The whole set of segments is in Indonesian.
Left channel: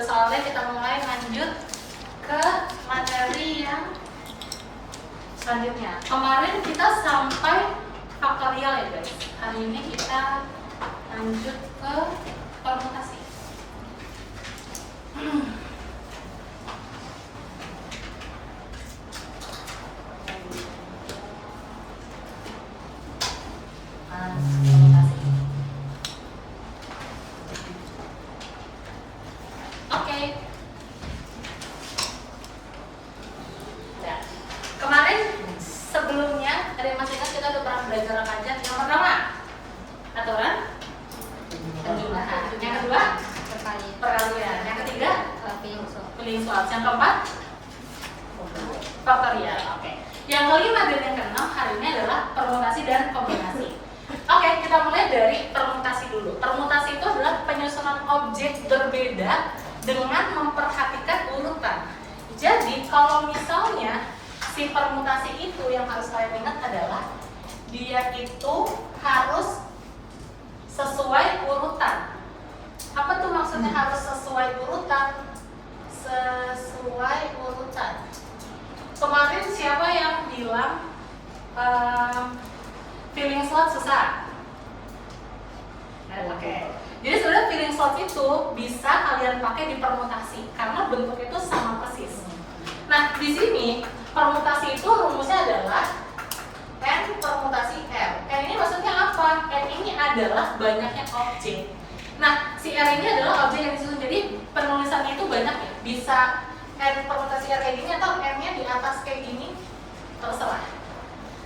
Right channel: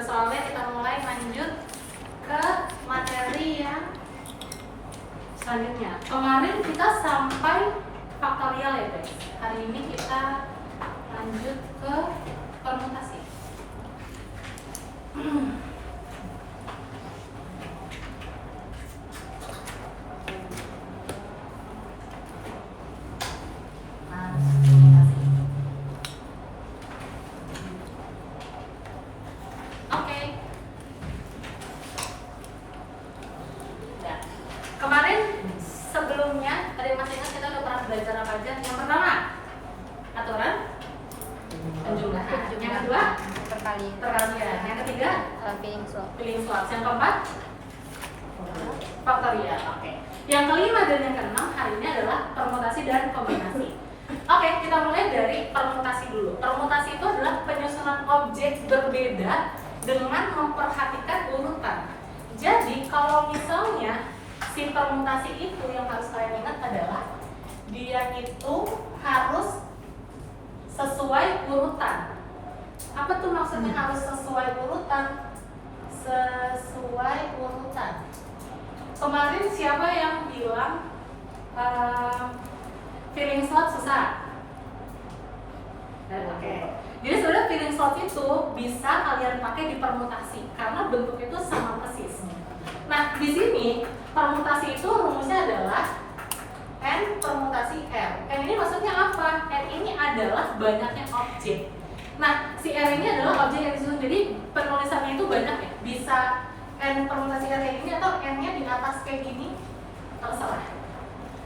soalnya kita mulai lanjut ke materi yang selanjutnya. Kemarin kita sampai faktorial ya guys. Hari ini kita lanjut ke permutasi. Yang keempat faktorial. Oke. Yang kelima dan yang keenam hari ini adalah permutasi dan kombinasi. Oke, kita mulai dari permutasi dulu. Permutasi itu adalah penyusunan objek berbeda dengan memperhatikan urutan. Jadi kalau misalnya si permutasi itu yang harus kalian ingat adalah dia itu harus sesuai urutan. Apa tuh maksudnya harus sesuai urutan? Sesuai urutan. Kemarin siapa yang bilang filling slot susah? Oke. Jadi sebenarnya filling slot itu bisa kalian pakai di permutasi karena bentuk itu sama persis. Nah di sini permutasi itu rumusnya adalah n permutasi r. N ini maksudnya apa? N ini adalah banyaknya objek. Nah, si R ini adalah objek yang disusun, jadi penulisannya itu banyak ya. Bisa N permutasi R kayak gini atau N-nya di atas kayak gini, terserah.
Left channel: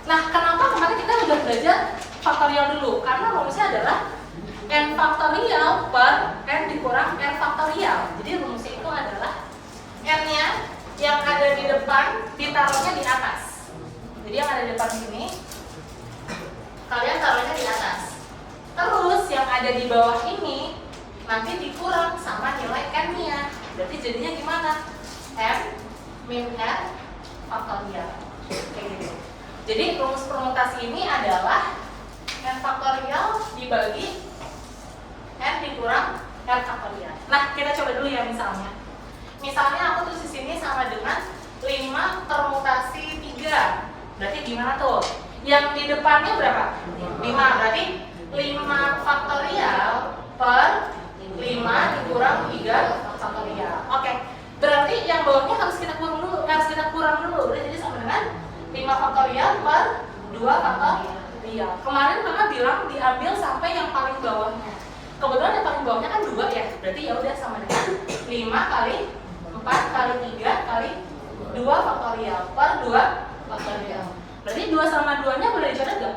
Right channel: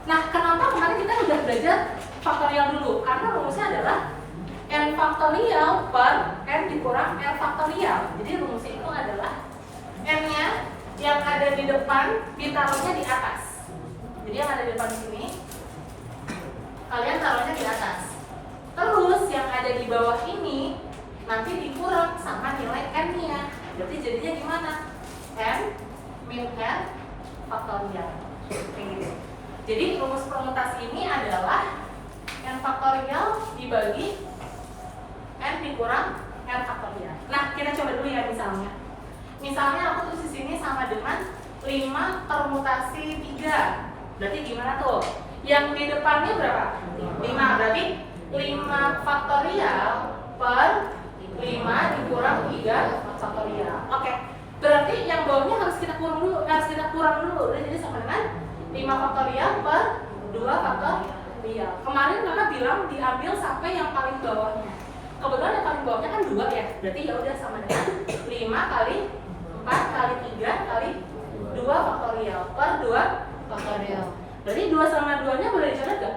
Nah, kenapa kemarin kita udah belajar faktorial dulu? Karena rumusnya adalah N faktorial per N dikurang R faktorial. Jadi rumusnya itu adalah N-nya yang ada di depan ditaruhnya di atas. Jadi yang ada di depan sini, kalian taruhnya di atas. Terus yang ada di bawah ini nanti dikurang sama nilai n-nya. Berarti jadinya gimana? N min r faktorial. Jadi rumus permutasi ini adalah n faktorial dibagi n dikurang r faktorial. Nah, kita coba dulu ya misalnya. Misalnya aku tulis di sini sama dengan 5 permutasi 3. Berarti gimana tuh? Yang di depannya berapa? 5. Berarti 5 faktorial per 5 dikurang 3 faktorial. Oke. Berarti yang bawahnya harus kita kurang dulu. Jadi sama dengan 5 faktorial per 2 faktorial. Kemarin Mama bilang diambil sampai yang paling bawahnya. Kebetulan yang paling bawahnya kan 2 ya. Berarti ya udah sama dengan 5 kali 4 kali 3 kali 2 faktorial per 2 faktorial. Berarti 2 sama 2-nya boleh dicoret nggak?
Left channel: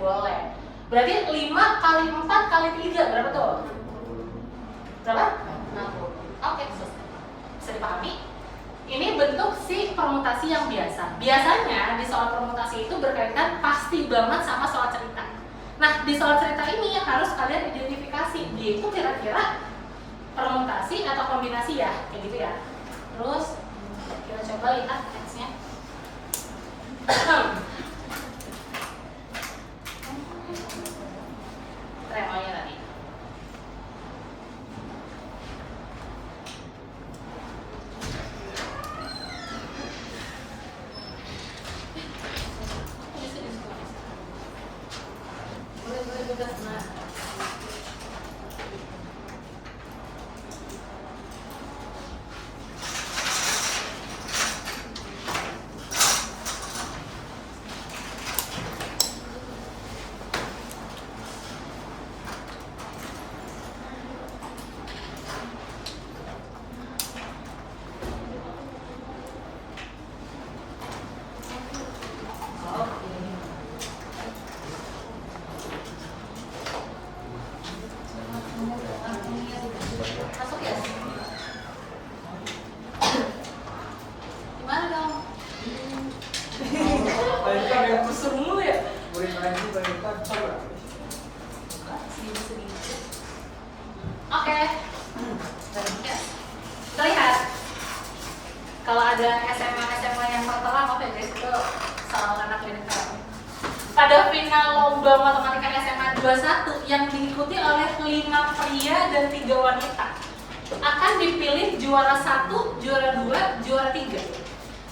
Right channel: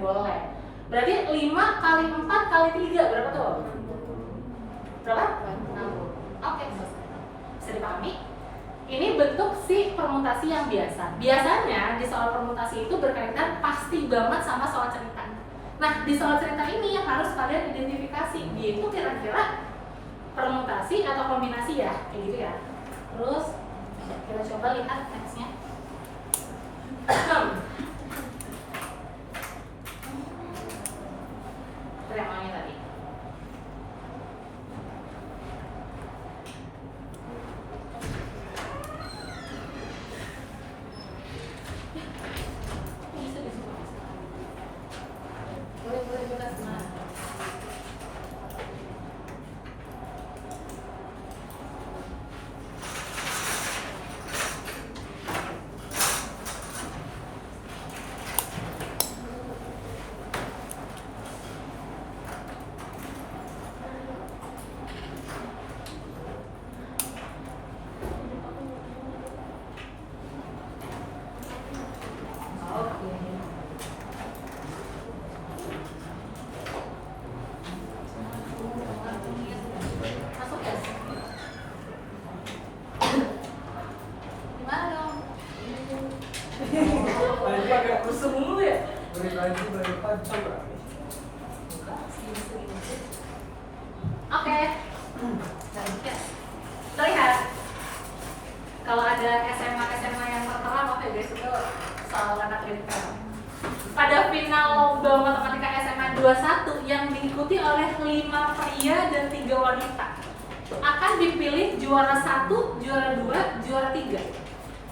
Boleh. Berarti 5 kali 4 kali 3 berapa tuh? Berapa? 60. Oke, selesai. Bisa dipahami? Ini bentuk si permutasi yang biasa. Biasanya di soal permutasi itu berkaitan pasti banget sama soal cerita. Nah, di soal cerita ini yang harus kalian identifikasi, dia itu kira-kira permutasi atau kombinasi ya, kayak gitu ya. Terus kita coba lihat teksnya. Remanya tadi. Oke. Terlihat kalau ada SMA yang tertera apa ya guys, itu soal anak klinikal. Pada final lomba matematika SMA 21 yang diikuti oleh 5 pria dan 3 wanita. akan dipilih juara 1, juara 2, juara 3.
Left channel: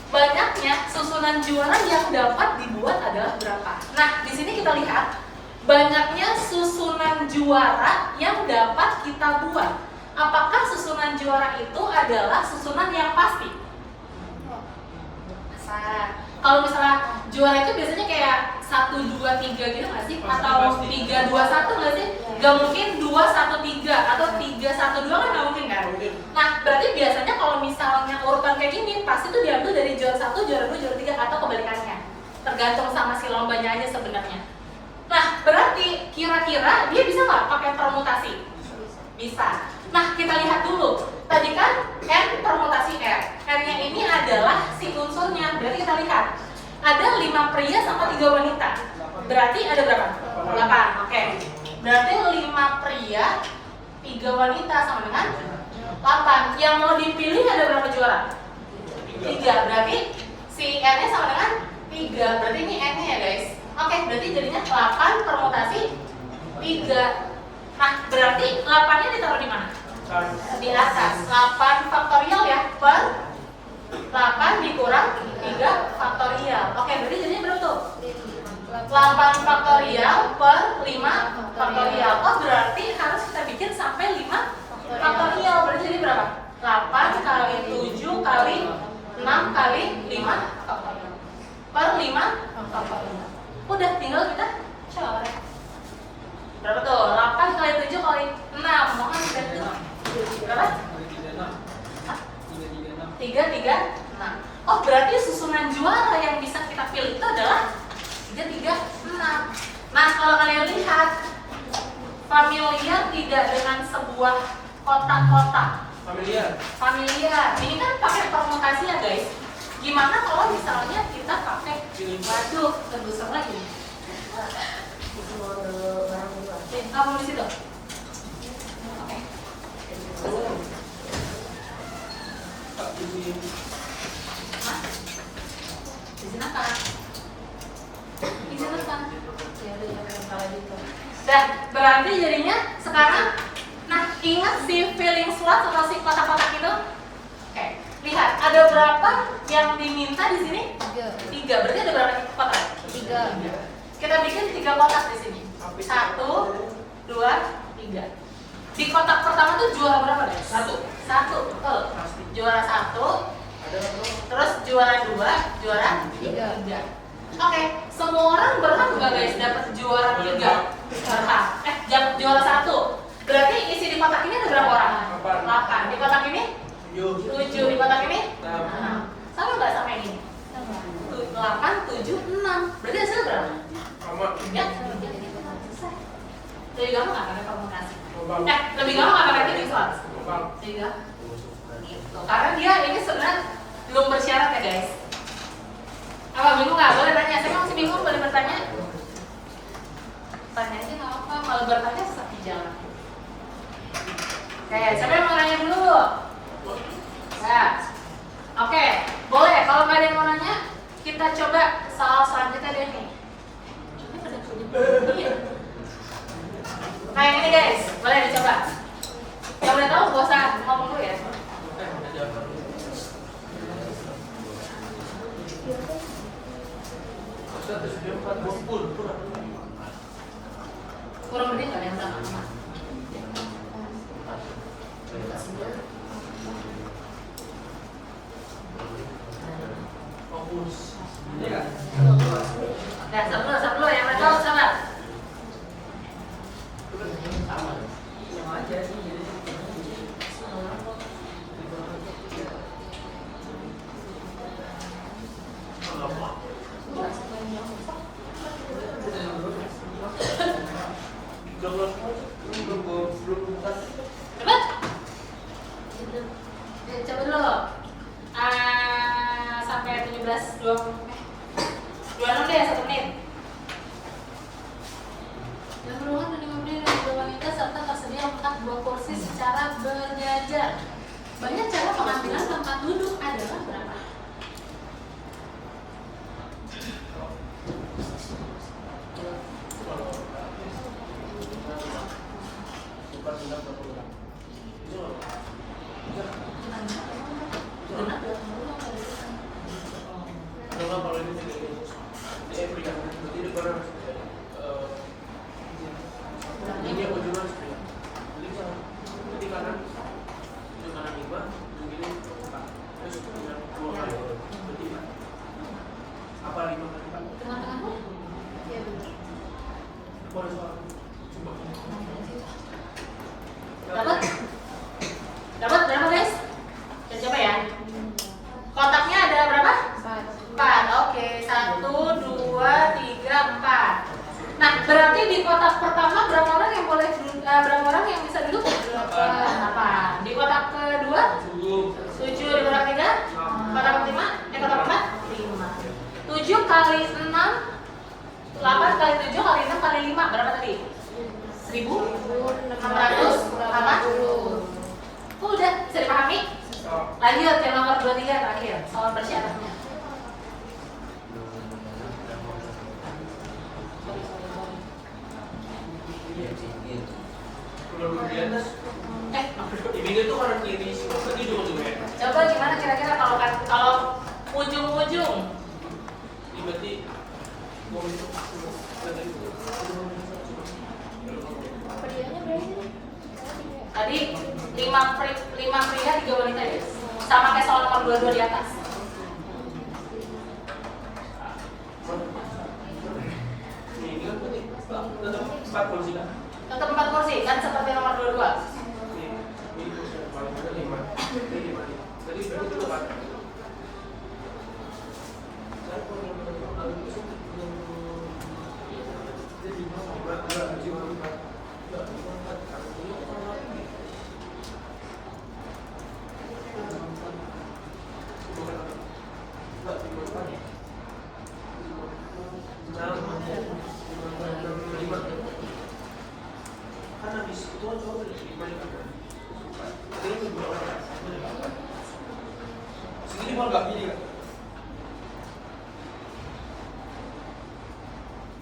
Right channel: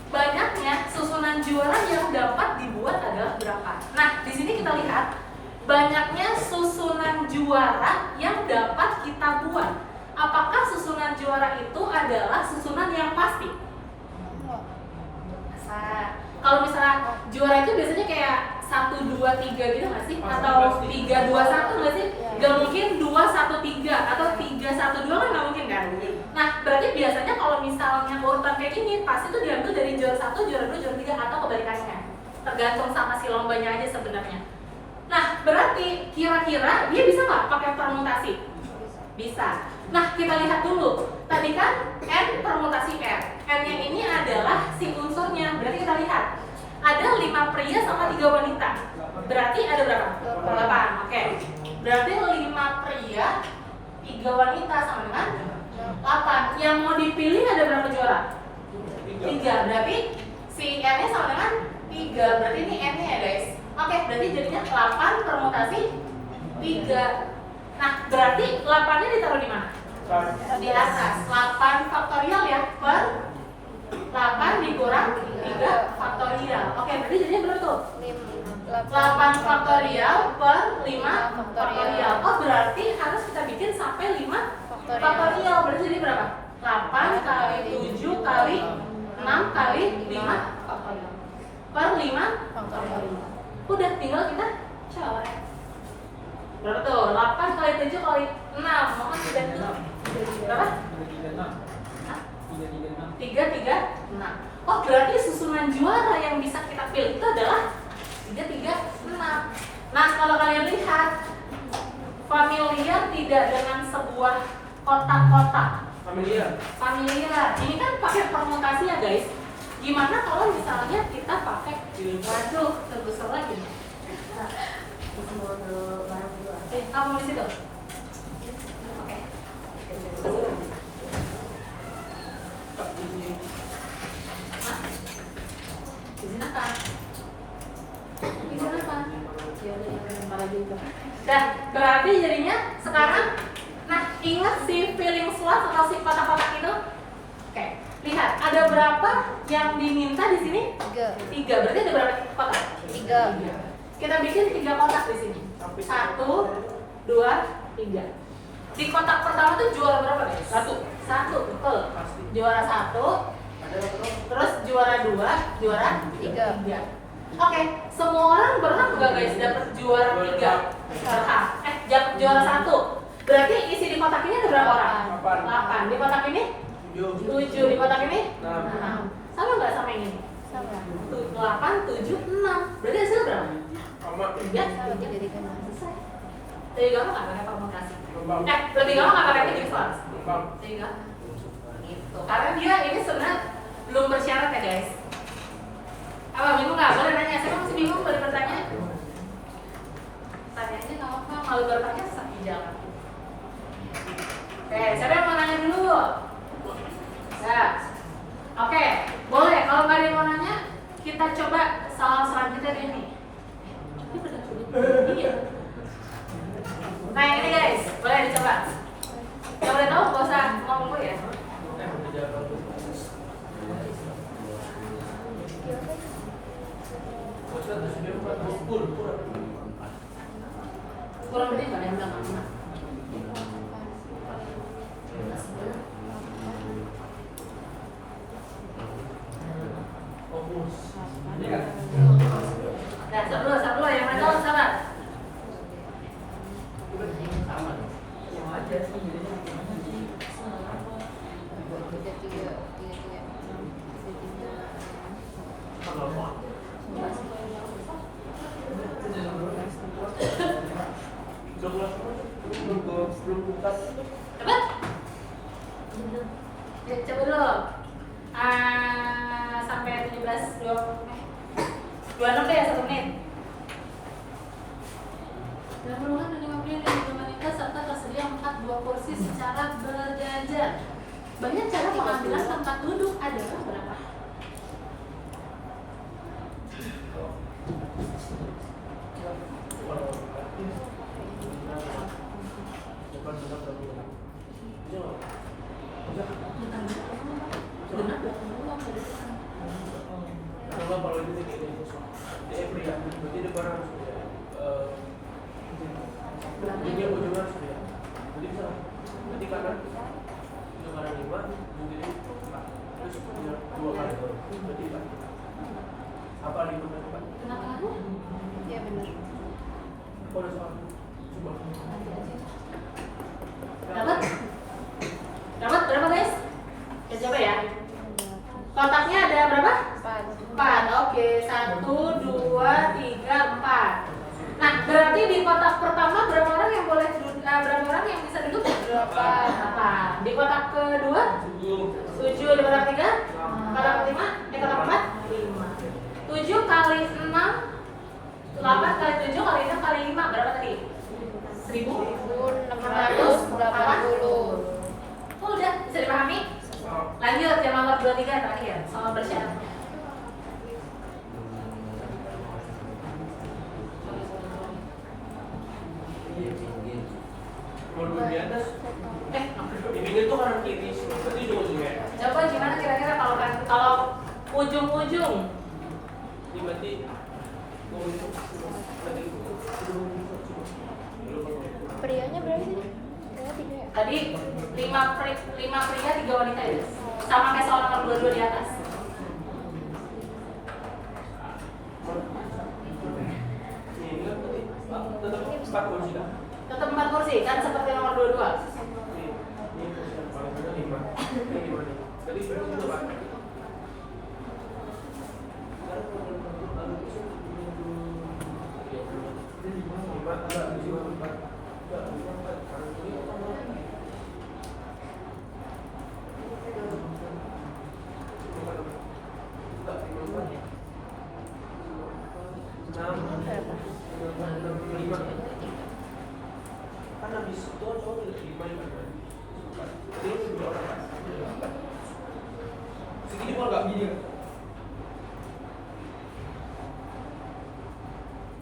Banyaknya susunan juara yang dapat dibuat adalah berapa? Nah, di sini kita lihat banyaknya susunan juara yang dapat kita buat. Apakah susunan juara itu adalah susunan yang pasti? Kalau misalnya juara itu biasanya kayak 1, 2, 3 gitu nggak sih? Atau 3, 2, 1 nggak sih? Nggak mungkin 2, 1, 3 atau 3, 1, 2 kan nggak mungkin kan? Nah, berarti biasanya kalau misalnya urutan kayak gini pasti itu diambil dari juara 1, juara 2, juara 3 atau kebalikannya. Tergantung sama si lombanya aja sebenarnya. Nah, berarti kira-kira dia bisa nggak pakai permutasi? Bisa. Nah, kita lihat dulu. Tadi kan N permutasi R. N-nya ini adalah si unsurnya. Berarti kita lihat. Ada 5 pria sama 3 wanita. Berarti ada berapa? 8. Oke. Berarti 5 pria, 3 wanita sama dengan 8. Yang mau dipilih ada berapa juara? 3. Berarti si N-nya sama dengan 3. Berarti ini N-nya ya guys. Oke, berarti jadinya 8 permutasi 3. Nah, berarti 8-nya ditaruh di mana? Di atas. 8 faktorial ya per 8 dikurang 3 faktorial. Oke, berarti jadinya berapa tuh? 8 faktorial per 5 faktorial. Oh, berarti harus kita bikin sampai 5 faktorial. Berarti jadi berapa? 8 kali 7 kali 6 kali 5 faktorial per 5 faktorial. Udah, tinggal kita coret. Berapa tuh? 8 kali 7 kali 6. Mau kan udah itu? Berapa? 336. Oh, berarti susunan juara yang bisa kita pilih itu adalah 336. Nah, kalau kalian lihat familiar tidak dengan sebuah kotak-kotak? Familiar. Ini kan pakai permutasi ya guys. Gimana kalau misalnya kita pakai waduh, terbesar lagi. Kamu di situ. Oke. Hah? Di sini apa? Di sini apa? Ya udah kalau gitu. Dan berarti jadinya sekarang, nah ingat si filling slot atau si kotak-kotak itu? Oke. Lihat ada berapa yang diminta di sini? 3. Berarti ada berapa kotak? 3. Kita bikin 3 kotak di sini. 1, 2, 3. Di kotak pertama tuh juara berapa guys? 1, betul. Juara 1, terus juara 2, juara 3. Oke, semua orang berhak nggak guys dapat juara 3? Berhak. Dapat juara 1. Berarti isi di kotak ini ada berapa orang? 8. Di kotak ini 7. Di kotak ini 6. Sama nggak sama yang ini? 8, 7, 6. Berarti hasilnya berapa? 3. Jadi gampang nggak pakai permutasi? Lebih gampang nggak pakai filling slot? Gitu. Karena dia ini sebenarnya belum bersyarat ya guys. Apa bingung nggak? Boleh nanya. Saya masih bingung, boleh bertanya. Tanya aja nggak apa-apa. Kalau bertanya sesat jalan. Oke, siapa yang mau nanya dulu? Nah, oke, boleh. Kalau nggak ada yang mau nanya, kita coba soal selanjutnya deh nih. Ini pada kuning. Nah yang ini guys, boleh dicoba. Yang udah tahu gak usah ngomong dulu ya. Kurang lebih nggak ada yang sama. Nah, satu yang ada tahu sana. Coba dulu. Sampai 17, 26 deh, 1 menit. Dan ruangan dengan 5 wanita serta tersedia 4 kursi secara berjajar. Banyak cara pengambilan tempat duduk adalah berapa? Cuma kalau kita kayak gitu pria, berarti dia barang ini apa juga harus pria. Jadi bisa, nanti kanan 5, mungkin ini 4, terus punya 2 kali, berarti 4. Apa 5 dan 4? Tengah-tengah lu? Iya. Apa ada soal? Coba. Dapat? Dapat berapa guys? Kita coba ya. Kotaknya ada berapa? 4. Oke, 1, 2, 3, 4. Nah, berarti di kotak pertama berapa orang yang boleh berapa orang yang bisa duduk? 8. Di kotak kedua? 7. Di kotak ketiga? Kotak kelima? Kotak keempat? 5. 7 kali 6 8 kali 7 kali 6 kali 5 berapa tadi? 1.680. Udah, bisa dipahami? Lanjut yang nomor 23 terakhir, soal bersyaratnya. Kalau dulu di atas, di pinggir tuh kanan kiri, seperti juga juga. Coba gimana kira-kira kalau ujung-ujung? Ini berarti Prianya berapa? Tadi 5 pria 3 wanita ya? Sama kayak soal nomor 22 di atas. Ini kan berarti 4 kursi kan? Tetap 4 kursi kan seperti nomor 22. Ini kursi yang paling muda 5. Ini 5. Tadi berarti itu 4. Segini mau nggak gini?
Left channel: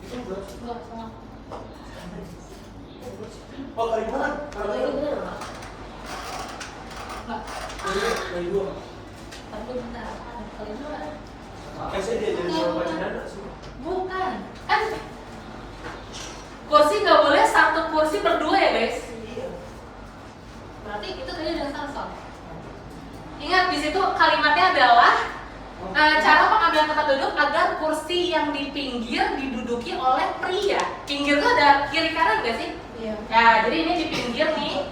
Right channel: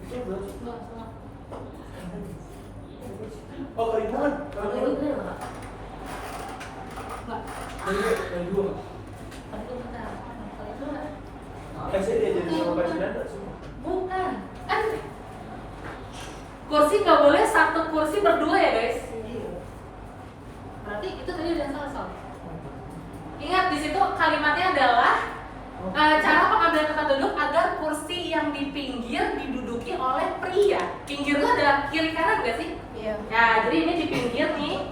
Itu berapa? Oh, kali mana? Kali 2. Saya diajarin sama Pak Sudana. Bukan. Kursi nggak boleh satu kursi berdua ya guys? Berarti itu tadi udah salah soal. Ingat di situ kalimatnya adalah cara pengambilan tempat duduk agar kursi yang di pinggir diduduki oleh pria. Pinggir itu ada kiri kanan nggak sih? Iya. Nah, jadi ini di pinggir nih.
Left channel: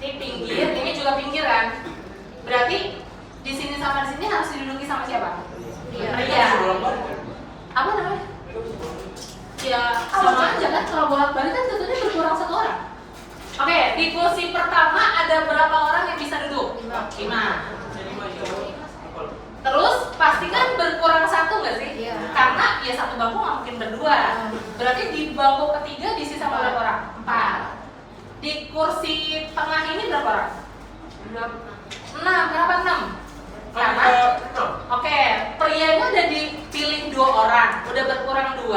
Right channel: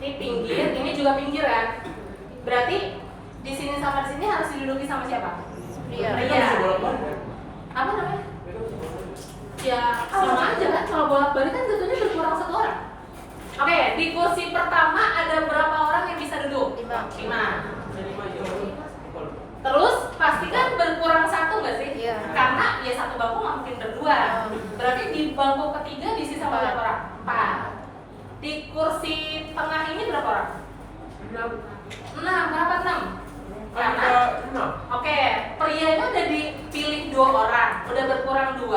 Ini pinggir, ini juga pinggir kan? Berarti di sini sama di sini harus diduduki sama siapa? Pria. Pria. Apa namanya? Ya, sama aja kan kalau bolak-balik kan tentunya berkurang 1 orang. Oke, di kursi pertama ada berapa orang yang bisa duduk? 5. Terus pastikan berkurang 1 nggak sih? Iya. Karena ya 1 bangku nggak mungkin berdua. Berarti di bangku ketiga diisi sama berapa orang? 4. Di kursi tengah ini berapa orang? 6. Berapa 6? Karena oke, prianya udah dipilih 2 orang, udah berkurang 2.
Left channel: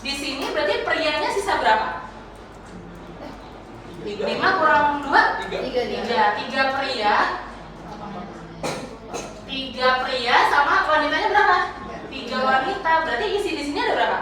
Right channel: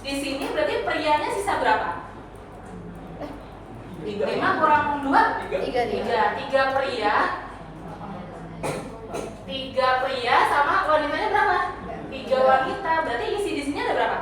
Di sini berarti prianya sisa berapa? 5 kurang 2? 3 pria. 3 pria sama wanitanya berapa? 3 wanita. Berarti isi di sini ada berapa?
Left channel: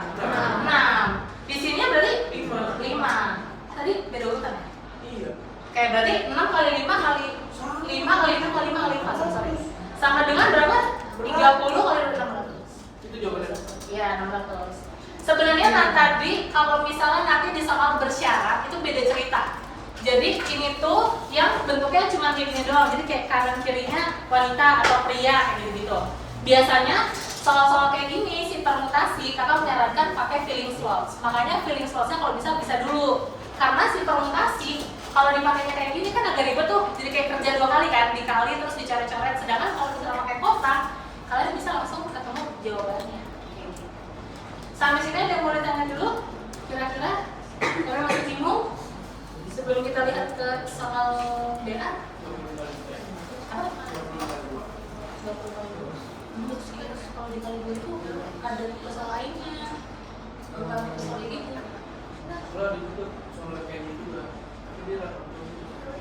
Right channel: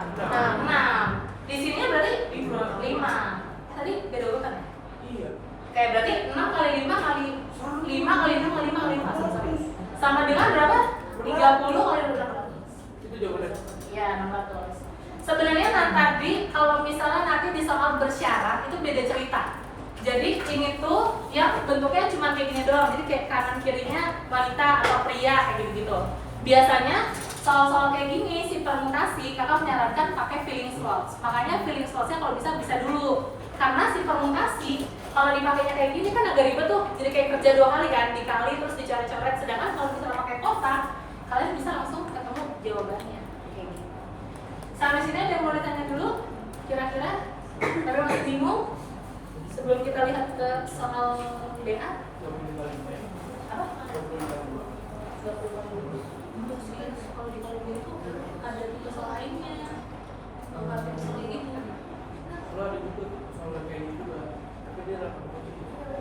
6. Di sini berarti 5. Tadi beda urutan ya? Iya. Oke, berarti 6 kali 5 kali 5 kali 6 kali 5 kali 4 sama dengan berapa? 30 kali 600. Itu jawabannya. Iya, 600. Sebenarnya tadi kalau misalnya nanti di soal bersyarat itu beda cerita. Jadi ini tuh yang bentuknya cuma kayak gini doang. Jadi kayak kanan kirinya wanita atau pria kayak gitu. Biasanya soal-soal kayak gini si permutasi kakak menyarankan pakai filling slots. Makanya filling slotsnya kalau bisa dulu. Karena si permutasi kalau dipakainya kayak gini kan agak ribet tuh. Jadi kayak kerja 2 kali kan, dikali terus dicoret-coret. Sedangkan kalau kita pakai kotak, kalian bisa langsung ketemu jawabannya. Sampai sini ada yang mau ditanya dulu? Kira-kira? Tapi masih bingung? Sebelum kita lihat ke soal BA? Apa? 20. Kalau dikali 2 itu ada tipe soal lainnya. Bukan tipe soal ini. Soalnya ada juga soal kayak ini juga. Tapi dia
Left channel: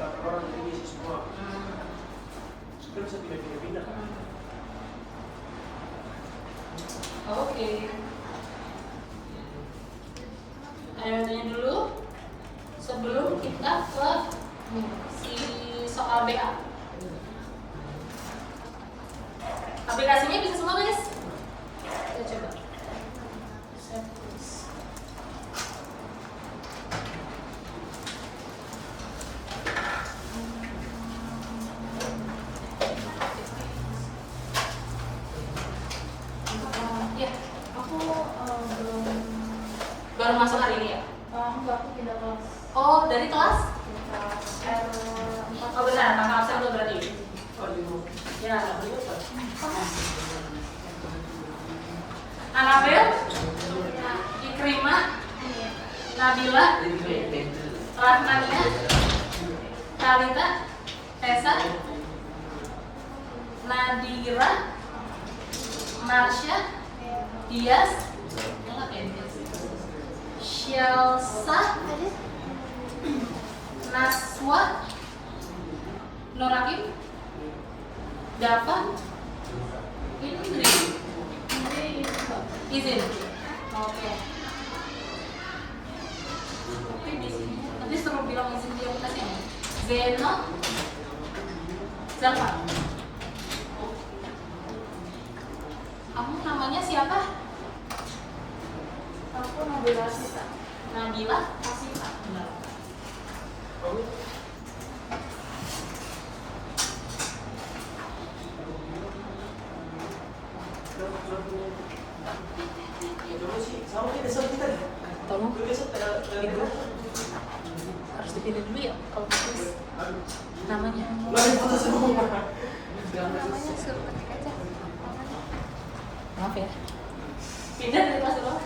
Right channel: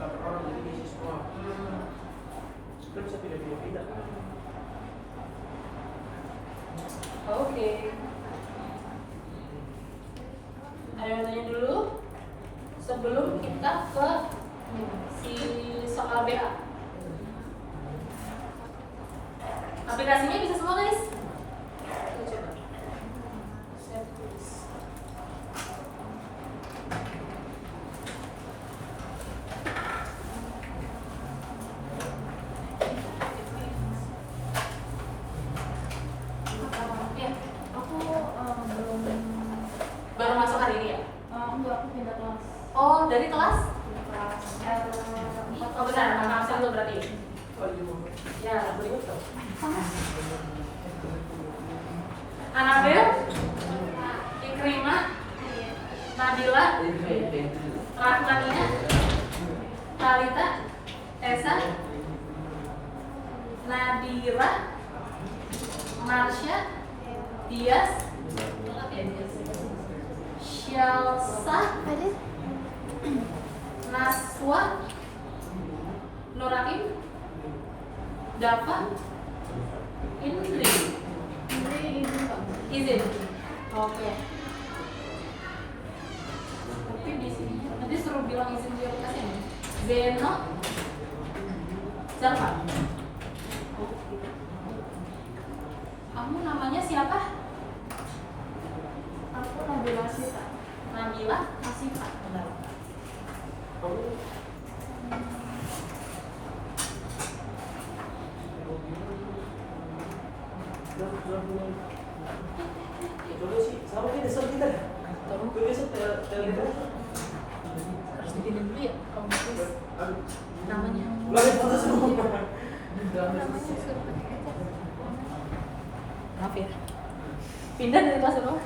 8 orang jadi diisi semua. Kita bisa pindah-pindah kan? Oke. Ayo tanya dulu sebelum kita ke si soal BH. Aplikasinya bisa semua guys? Kita coba. Saya tulis. Ya, Aku belum. baru masuk hari ini ya? Enggak, aku pindah kelas. Oh, dari kelas? R4. Oh benar, nama absen lo berarti. Ya. Anabel, Ikrimah, Nabila, Rahmania, Karita, Tessa, Nadira, Marsha, Dias, Shelsa, Naswa, Norakim, Dava, ini izin. Oke. Tapi di sini nanti suruh bilang izin di aplikasi ini. Zeno, Zalfa. Kamu namanya siapa? Aku Nabila Asita. Nabila Asita. Harus dipilih dulu ya. Namanya. Maaf ya. Pindah dari kelas berapa?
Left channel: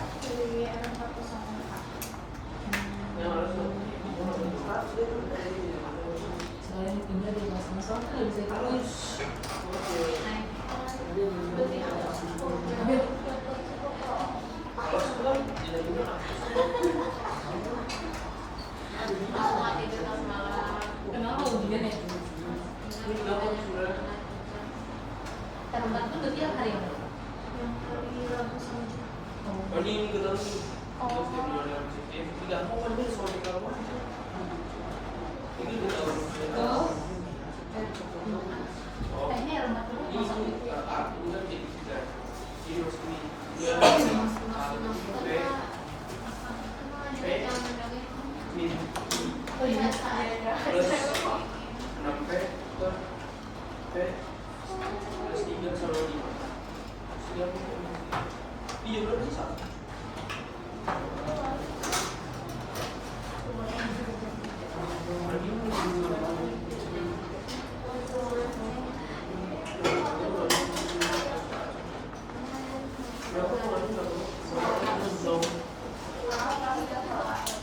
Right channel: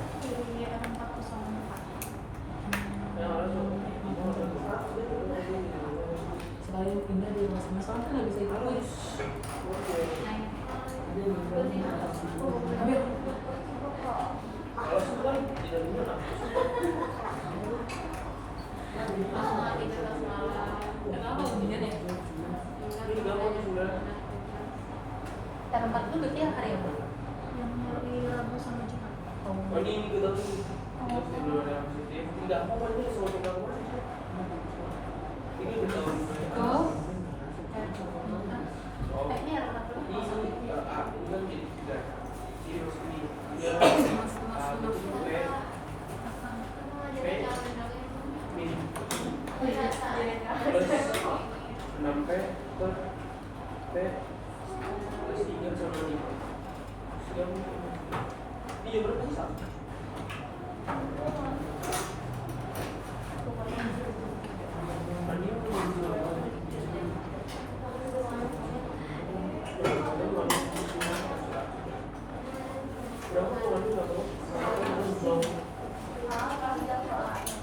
Dari R4. Selain pindah dari kelas sama kan bisa ikut. Kenapa begini deh? Tempat itu dia hari apa? Ini rumah oh iya.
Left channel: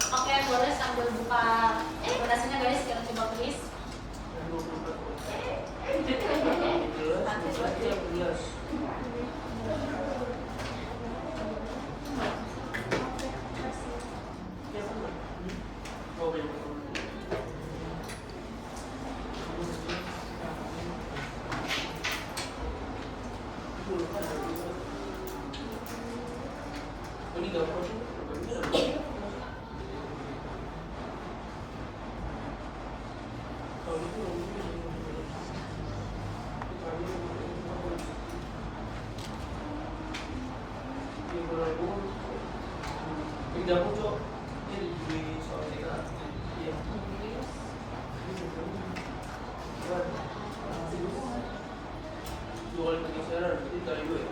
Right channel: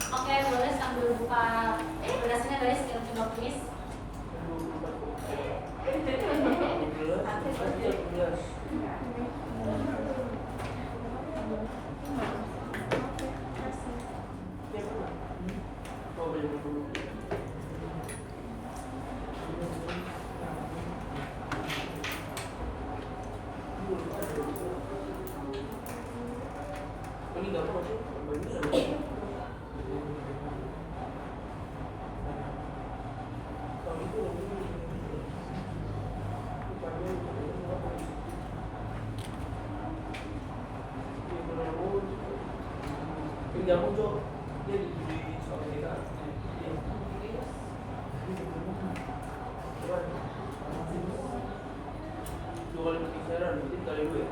Oke, boleh sambil buka aplikasinya guys, yang coba please. Pindah muncul di soal kita. Dua kali pergeseran, itu kali gue ya.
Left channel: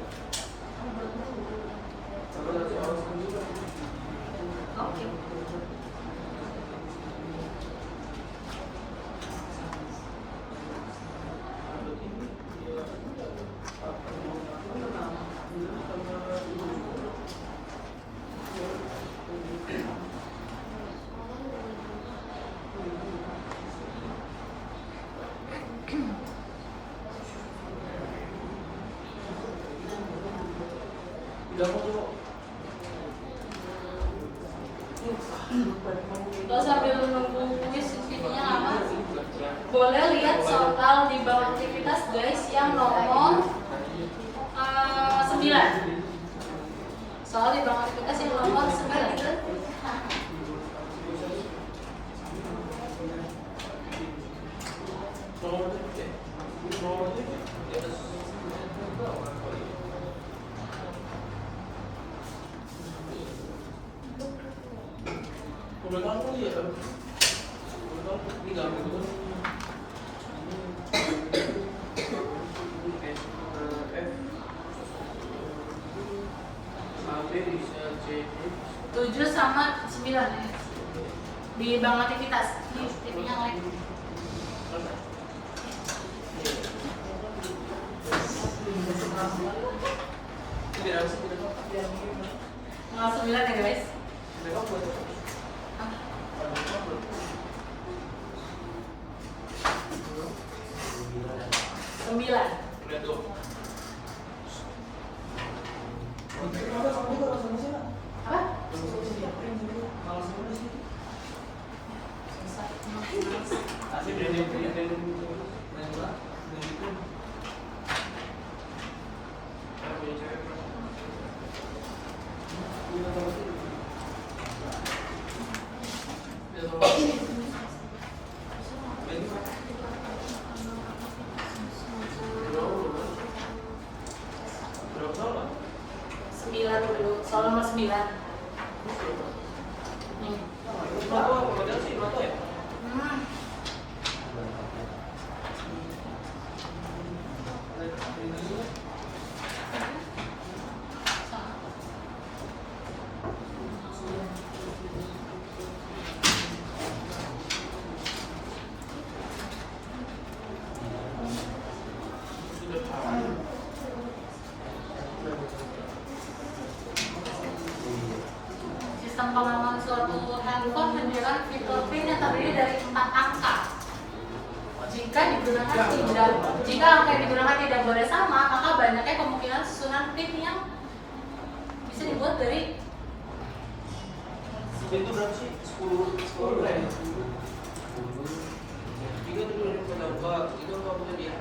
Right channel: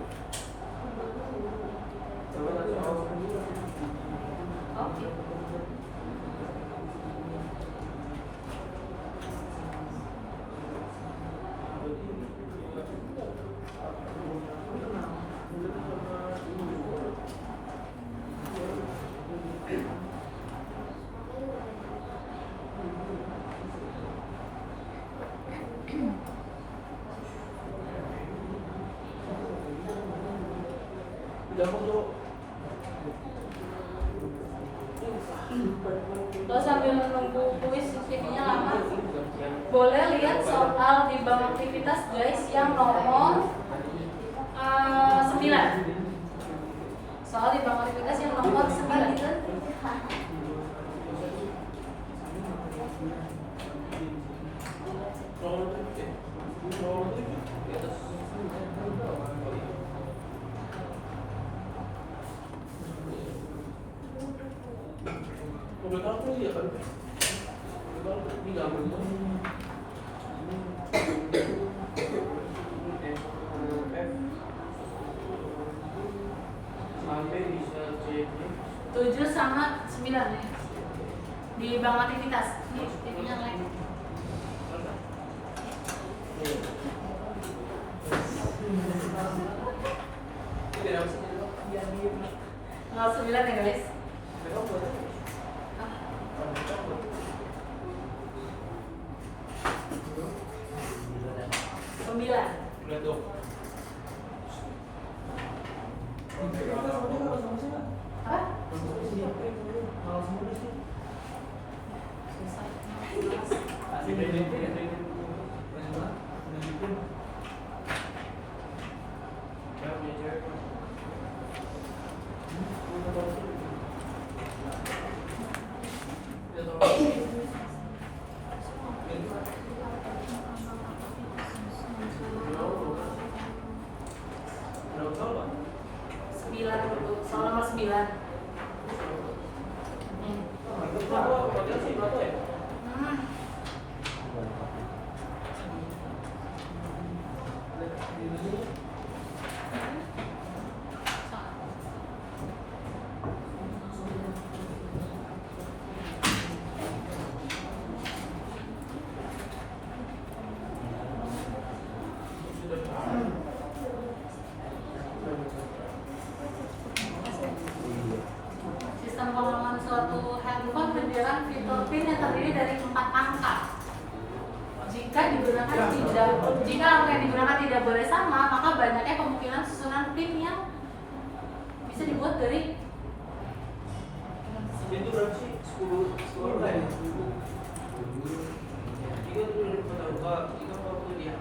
Kalau sambil menunggu kuis videonya lama, boleh lihat soal di bank aktivitas guys yang nomor 9. Soal di bawah aktivitas yang nomor 9. Tujuh sama 9 ya. Di bank aktivitas. Nih, TV-nya naik. Nol 9 ya guys. 9. Hah? Soal nomor 9. Sistem pengaman suatu handphone menyediakan fitur PIN yang terdiri dari 4 angka. Jika angka yang digunakan tidak boleh sama, maka banyaknya kemungkinan susunan PIN yang bisa dibuat dari itu berapa sih? 10 kan? 10. 3 itu kenapa? 3 apa dia?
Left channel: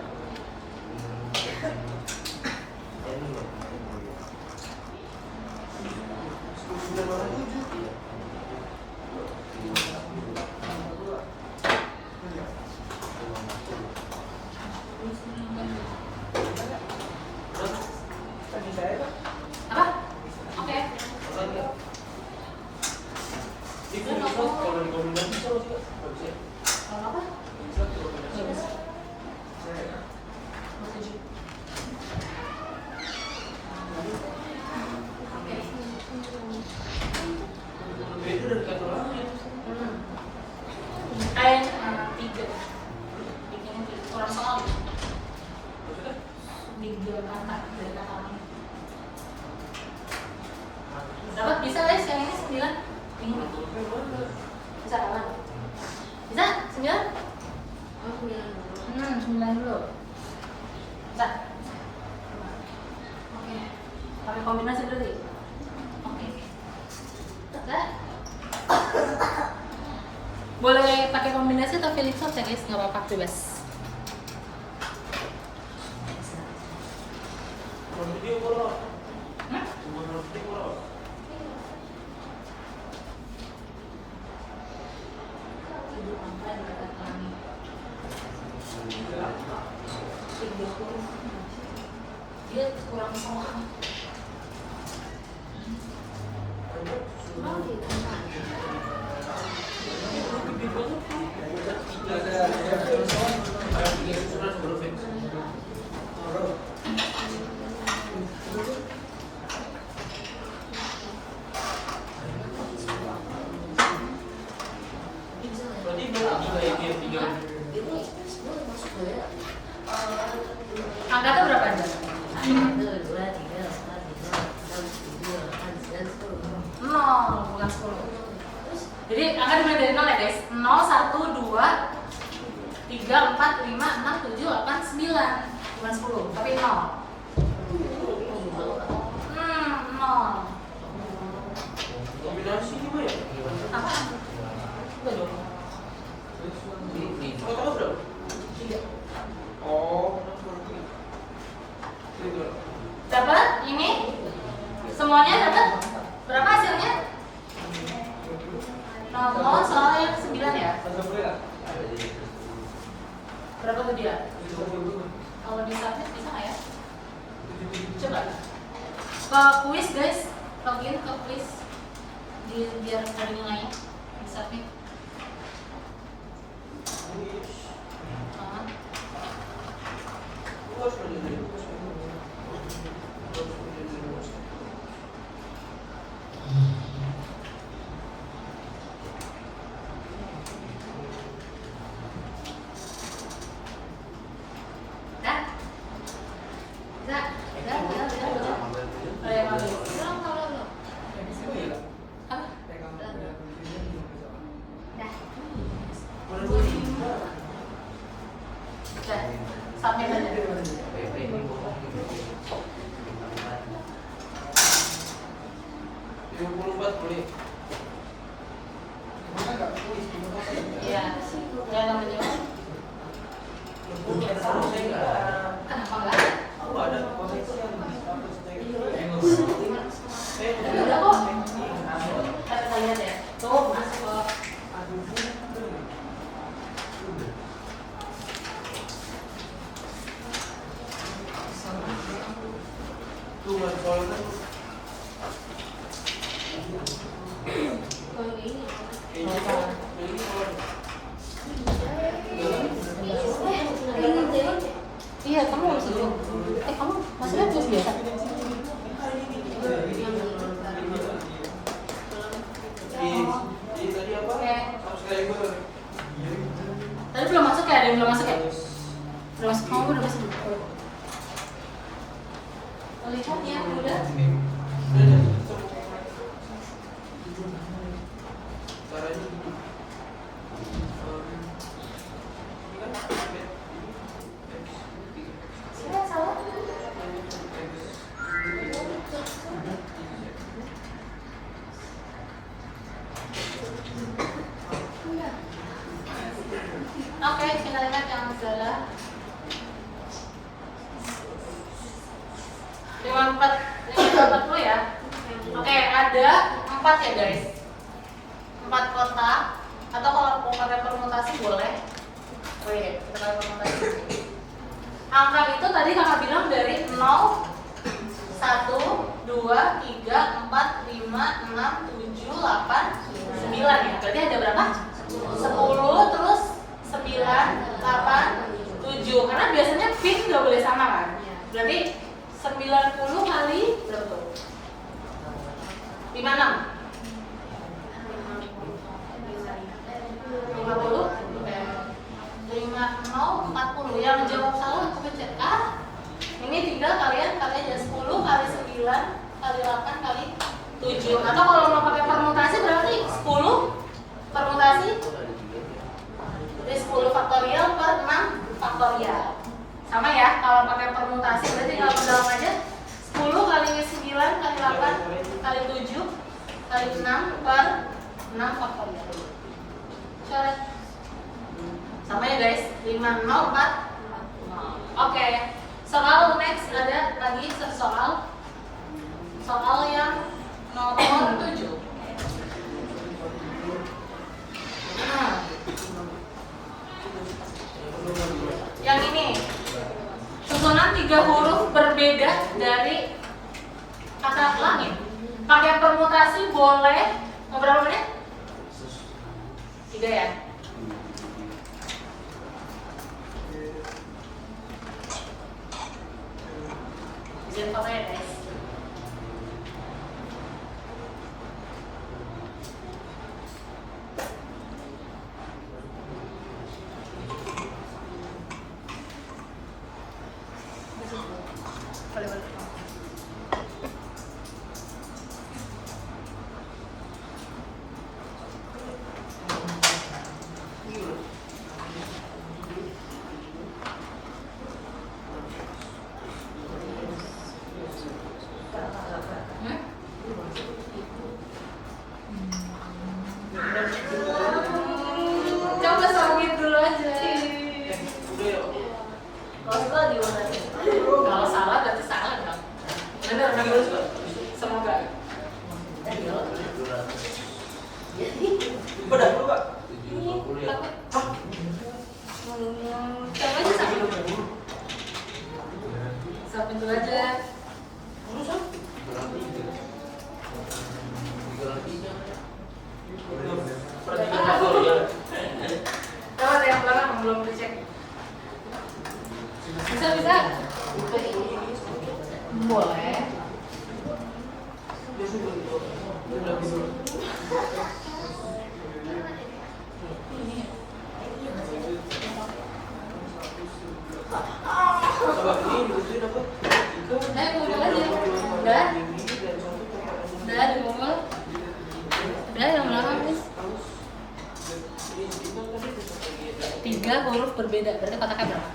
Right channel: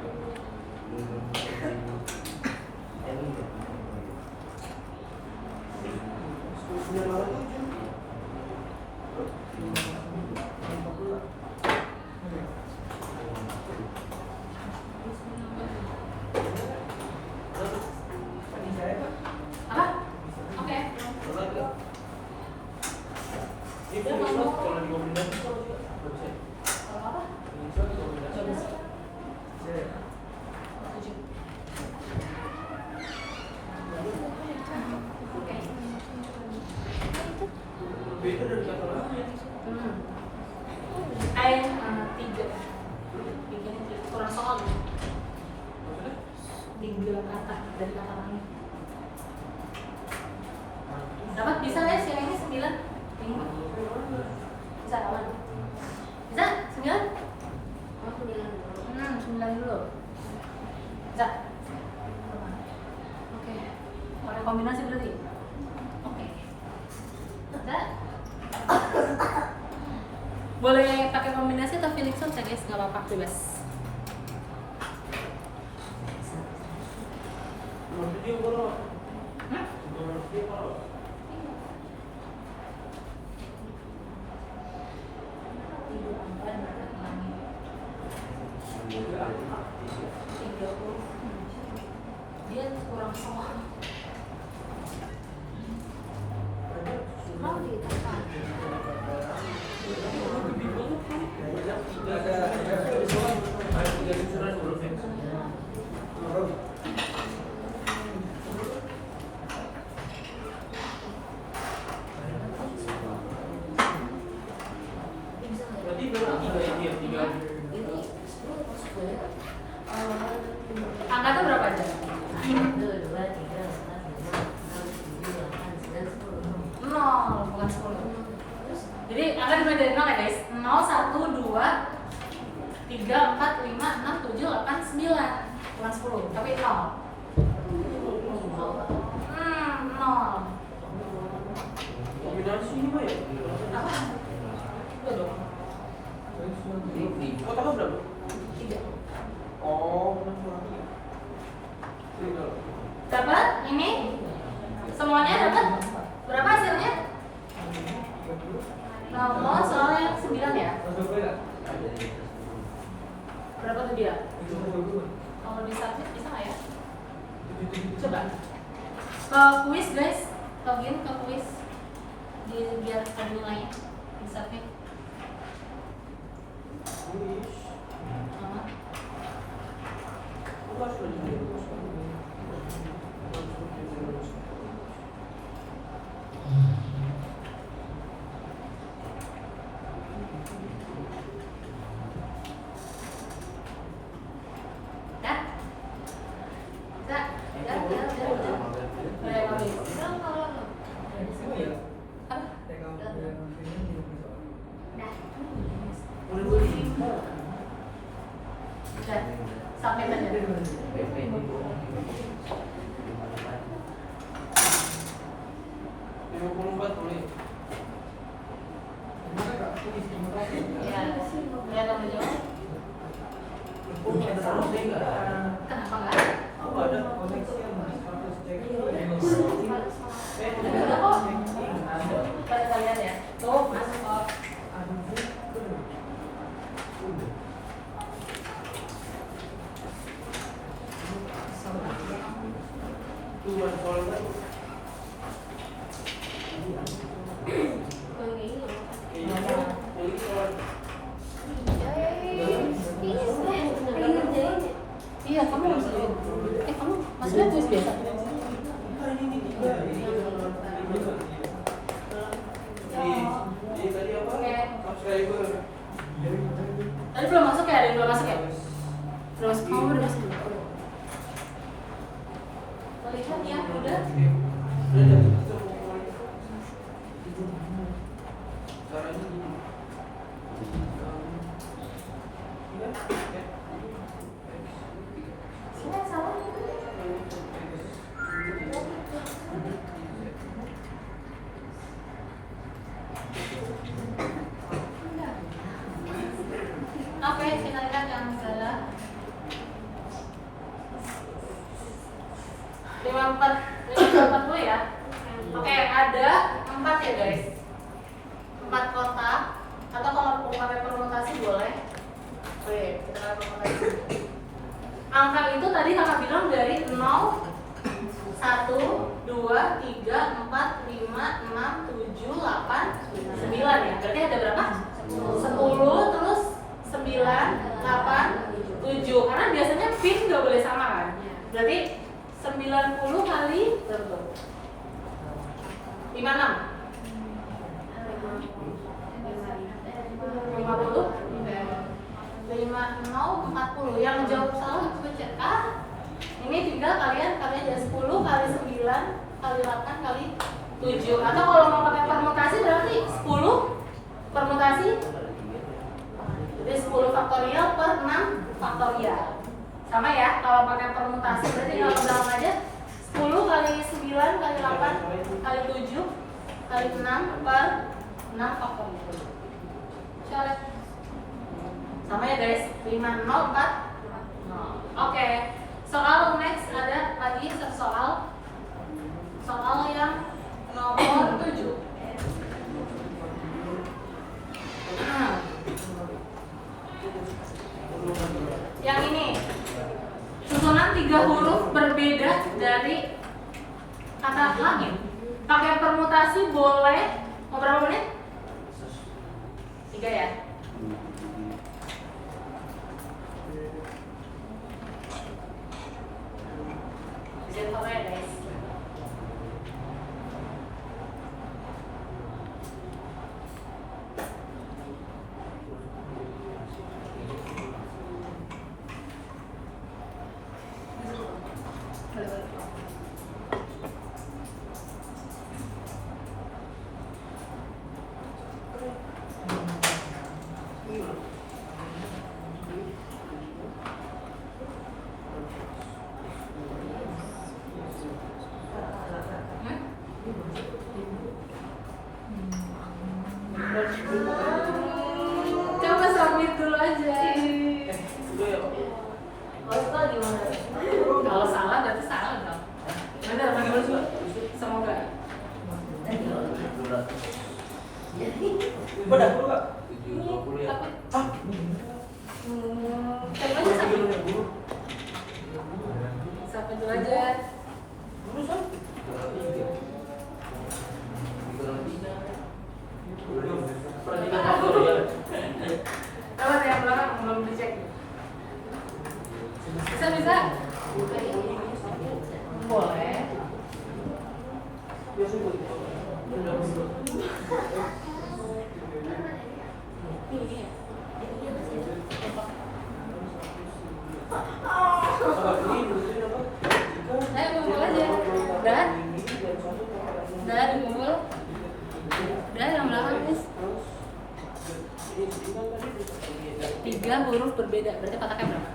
apa? Oke. Itu kalau dikombinasi sama juga bisa. Apa? Bisa dikombinasi. Itu dari kata lain. Kain 3. Kurang soal. 3 kata dari kata lain. Dapat bisa guys yang ini 9. Ini bisa kapan? Bisa? 9? Oh 9 dulu. Bisa? Oke. Pakai kombinasi dulu. Oke. Ada? Boleh pakai kombinasi atau Felix ya guys, nggak apa-apa, bebas. Video kalau Hmm? video kalau Dia kurang soal. Angkanya berapa aja? 0, bukan 10. Jadi angka dimulai dari 0 ya guys. 0, 1, 2, 3, 4, 5, 6, 7, 8, 9. Bukan 10, tapi 0. 0. kombinasi ini apa ya? Apa? Oh, kamu berapa? 3. Oh, Dapat ini? Semuanya dapat? Kalau di submit bisa nggak ya? Coba. Ke quiz guys, login ke quiz biar ada nilainya di submit. Iya, kamu masuk dulu. Kamu maksudnya tulis biasa? Tadi belum masuk ya? Ada yang belum masuk ya? Belum masuk, kamu udah masuk. Lihat ya, udah. Oke, kita lihat yang salah. 54 ya. Oke, ada 4 ya guys. 4 kotak. Atau kalau pakai permutasi boleh. Oh iya, kita pakai permutasi. Angka itu tadi kakak bilang dari 0, 1, 2, 3, 4, 5, 6, 7, 8, 9 ya. Berarti ada berapa? 10 terus 9, 8, 7. Karena biasanya pin nggak boleh sama kan. Berarti 90 kali berapa tuh? 56 40. Yang jawab salah untuk pencet A. Ini tinggal kalian aja 10 kali 9 kali 8 kali 7. Atau kalau mau pakai permutasi berarti 10 permutasi dari 10 faktorial per 6 faktorial. Sama ya, kalau pakai permutasi berarti kalau ulang aja 10 kali 9 kali 8 kali 7 kali 6 per 6 faktorial. Coret. Sama ya guys, 5, 0, 4, 0. Oke, soal next ada lagi soal yang nomor 7. Yang ini susunan 3 huruf berbeda dari kata langit. Pakai permutasi boleh. Mau berapa menit? 3 ya. Izin pakai guys. Coba submit dulu aja. Kalau gimana? Kalau salah berarti salah dong. Benar, bagus kok. Semoga. Udah dulu Kak. Coba aja submit. Bantu aja. Urusan. Apa ada yang belakang belum dicek? Bisa? Boleh. Ayo kumpul aja. Udah dikumpul. Udah yang belakang guys. 3 huruf berbeda, berarti kotaknya berapa?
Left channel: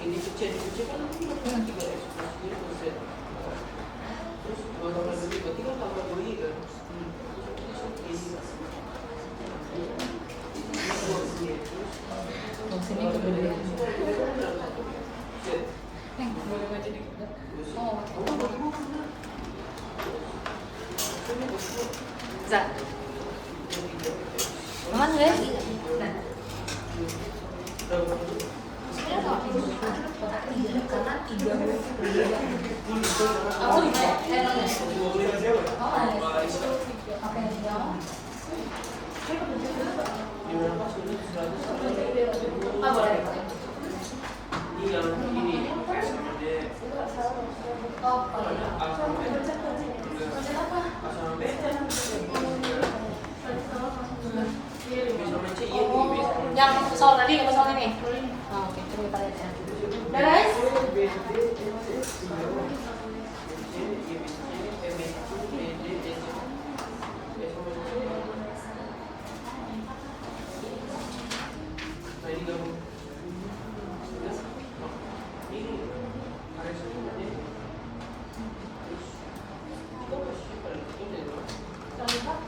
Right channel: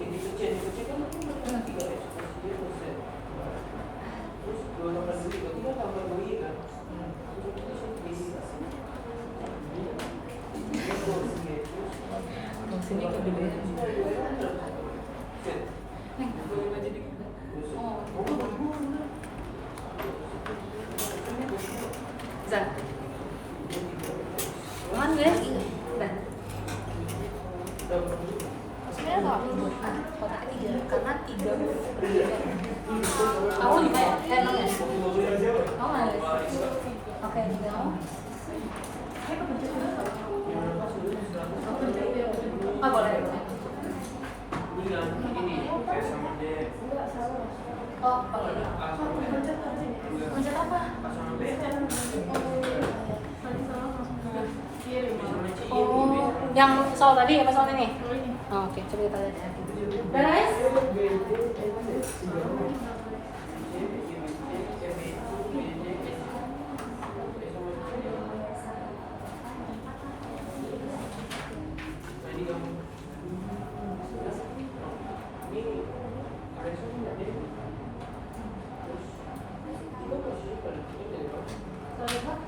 Ini kecil kan 3 terus 2 tambah 2 berarti kan tambah 2 kan? Sini berbeda. Zat. Aman guys? Dan. Oh iya, Ini yang ini yang soal tadi apa soal ini? Oh, oke, coba kita lihat ya. Udah guys?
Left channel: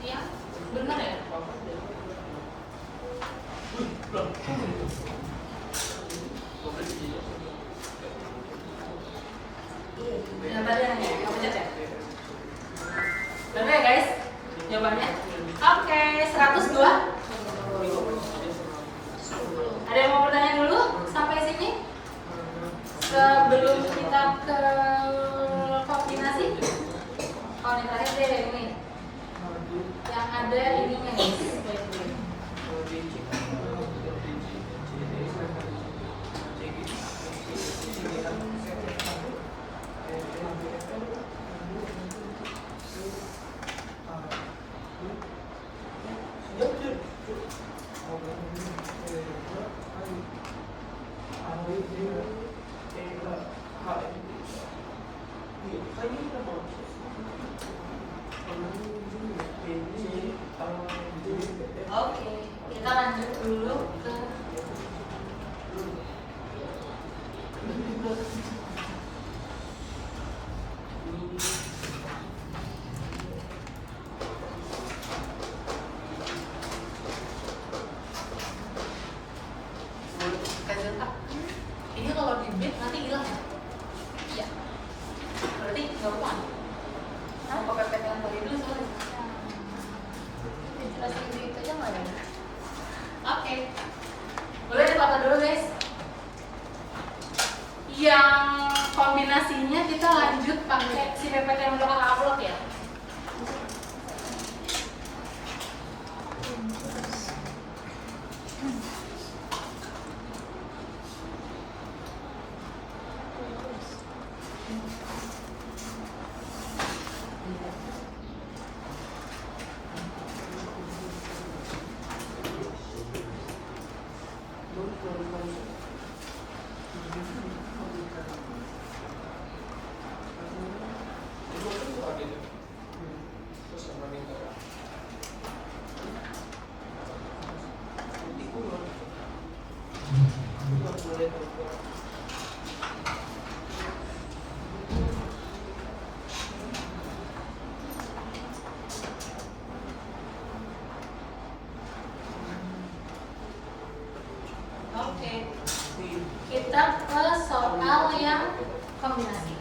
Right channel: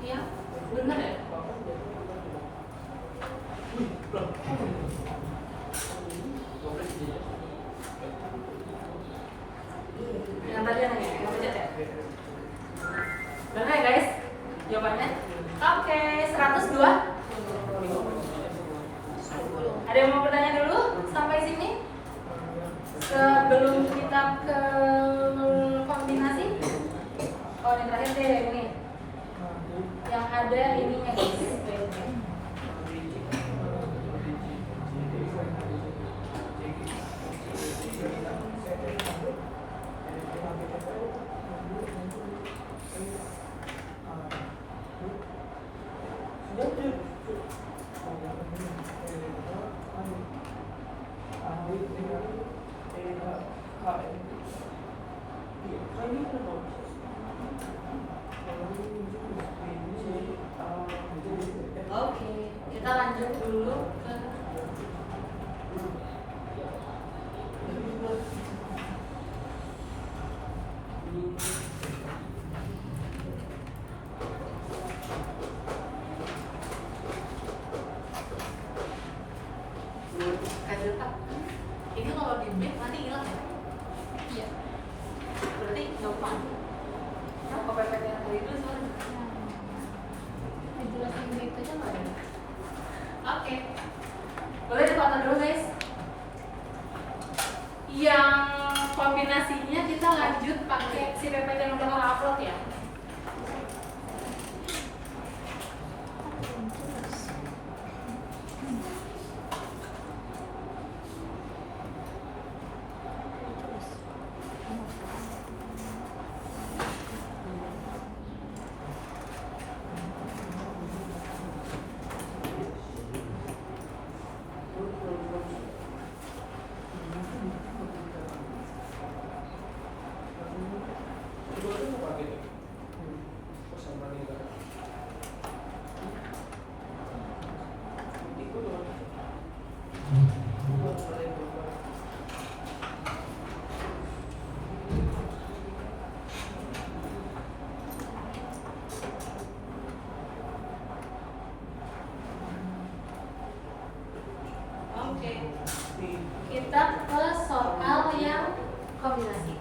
Iya, benar ya? Benar ya guys? Jawabannya? Oke, 102. Ada yang mau bertanya dulu sampai sini? Sebelum kita ke kombinasi? Oh, ini terakhir deh ini. Yang ada ininya guys. Oke, kita lanjut dulu ke kajian tak. Ini kalau di bit nanti hilang ya? Iya. Berarti nggak apa. Sama PPT yang tadi dulu sama. Jelasin gitu aja mana? Oke. Boleh dipakai dulu guys. Yang kombinasinya kita lanjut pakai si PPT yang udah kita upload ya. Oke. Kita ke soal yang kombinasi.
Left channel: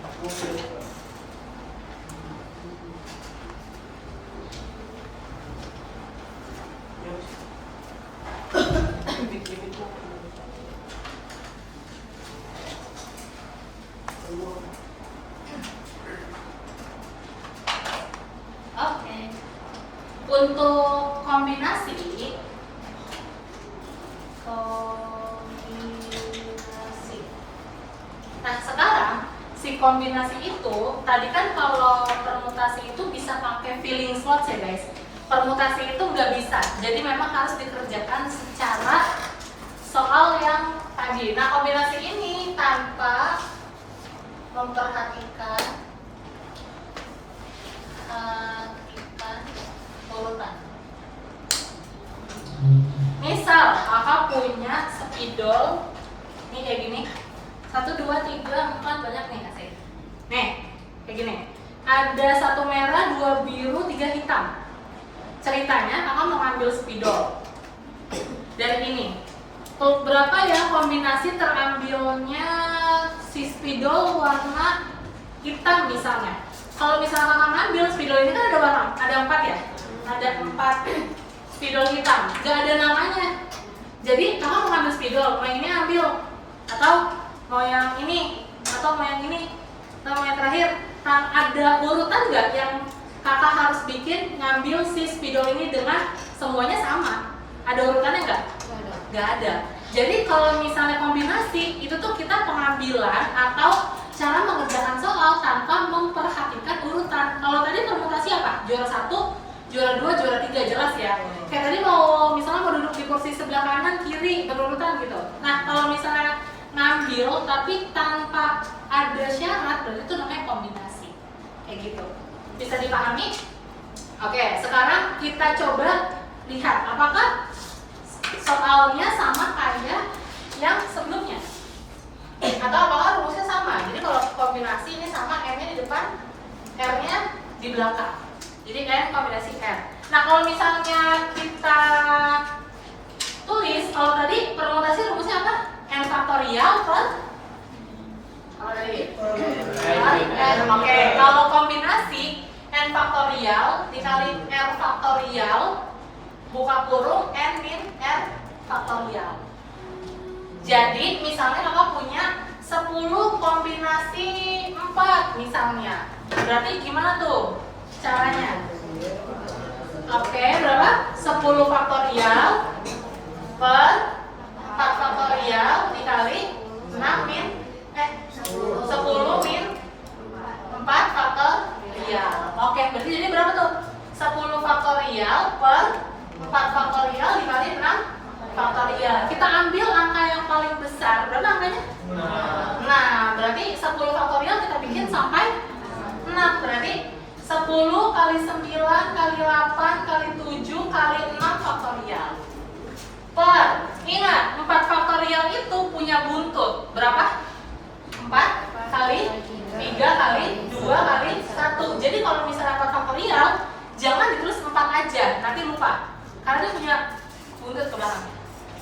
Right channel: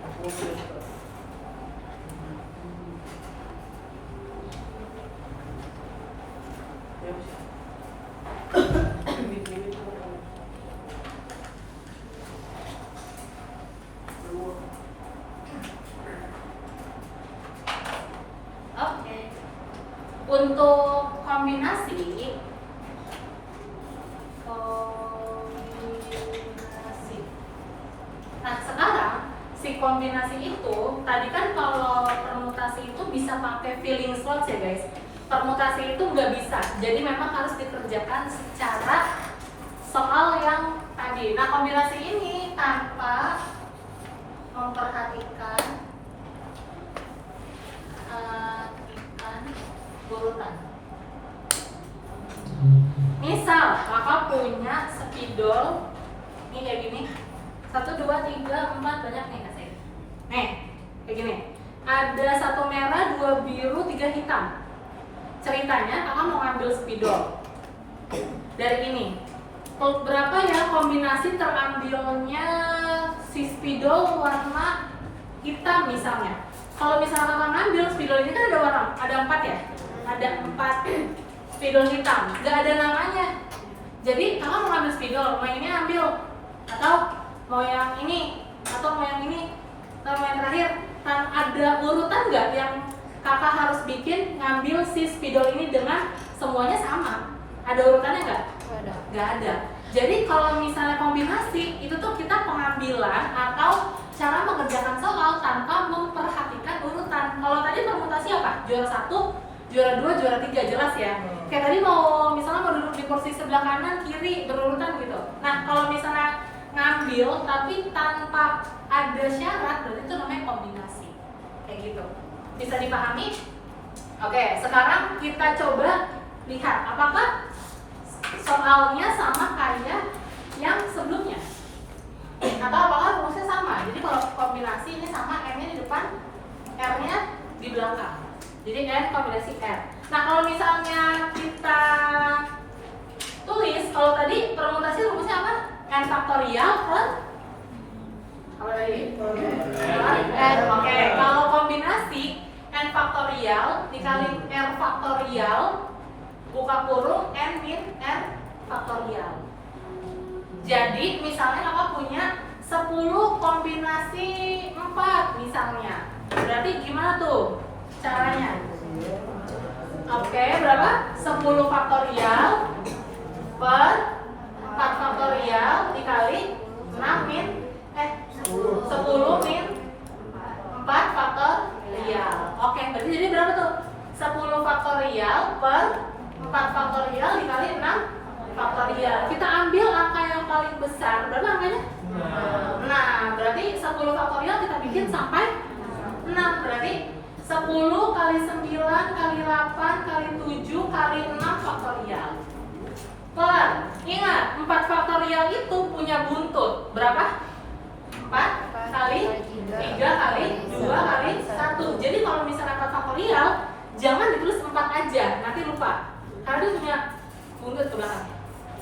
untuk kombinasi nah sekarang si kombinasi itu tadi kan kalau permutasi itu bisa pakai filling slots ya guys, permutasi itu nggak bisa, jadi memang harus dikerjakan secara soal yang tadi. Nah kombinasi ini tanpa memperhatikan urutan. Misal kakak punya spidol ini kayak gini, 1, 2, 3, 4, banyak nih kasih. Nih kayak gini, ada 1 merah, 2 biru, 3 hitam. Ceritanya kakak mau ngambil spidol dari ini. Tuh, berapa ya kombinasi terambilnya si spidol warna hitam misalnya. Kalau misalnya kakak ngambil spidol ini kan ada warna, ada 4 ya, ada 4 spidol hitam, nggak ada namanya. Jadi kakak mau ngambil spidol, mau yang ini ambil, atau mau yang ini, atau mau yang ini, atau mau yang terakhir. Ada urutan nggak yang kakak harus bikin ngambil si spidol ini dengan semuanya sama? Ada urutannya nggak? Nggak ada. Jadi kalau misalnya kombinasi itu tuh kita pengambilan atau cara mengerjakan soal tanpa memperhatikan urutan. Kalau tadi permutasi apa? Juara 1, juara 2, juara 3, jelas ya. Kayak tadi mau misalnya mau duduk di kursi sebelah kanan kiri berurutan gitu. Nah kalau misalnya ngambil tapi tanpa ada syarat, berarti itu namanya kombinasi. Kayak gitu. Bisa dipahami? Oke, sekarang kita coba lihat apakah soalnya sama kayak yang sebelumnya, atau apakah rumusnya sama. Jadi kalau kombinasi ini sama, M-nya di depan, R-nya di belakang. Jadi M kombinasi R. Nah kalau misalnya kita tulis, kalau tadi permutasi rumusnya apa? N faktorial per apa tadi? R. Oke, kalau kombinasi N faktorial dikali R faktorial buka kurung N min R faktorial. Jadi misalnya kakak punya 10 kombinasi 4 misalnya. Berarti gimana tuh caranya? Oke, berapa? 10 faktorial per 4 faktorial dikali 6 min 10 min 4 faktorial. Oke, berarti jadi berapa tuh? 10 faktorial per 4 faktorial dikali 6 faktorial. Kita ambil angka yang paling besar. Berapa angkanya? Nah, berarti 10 faktorial kita bikin sampai 6. Berarti 10 kali 9 kali 8 kali 7 kali 6 faktorial. Per, ingat 4 faktorial itu punya buntut. Berapa? 4 kali 3 kali 2 kali 1. Jadi kalau misalnya 4 faktorial, jangan ditulis 4 aja, nanti lupa. Karena dia punya buntut ke belakang.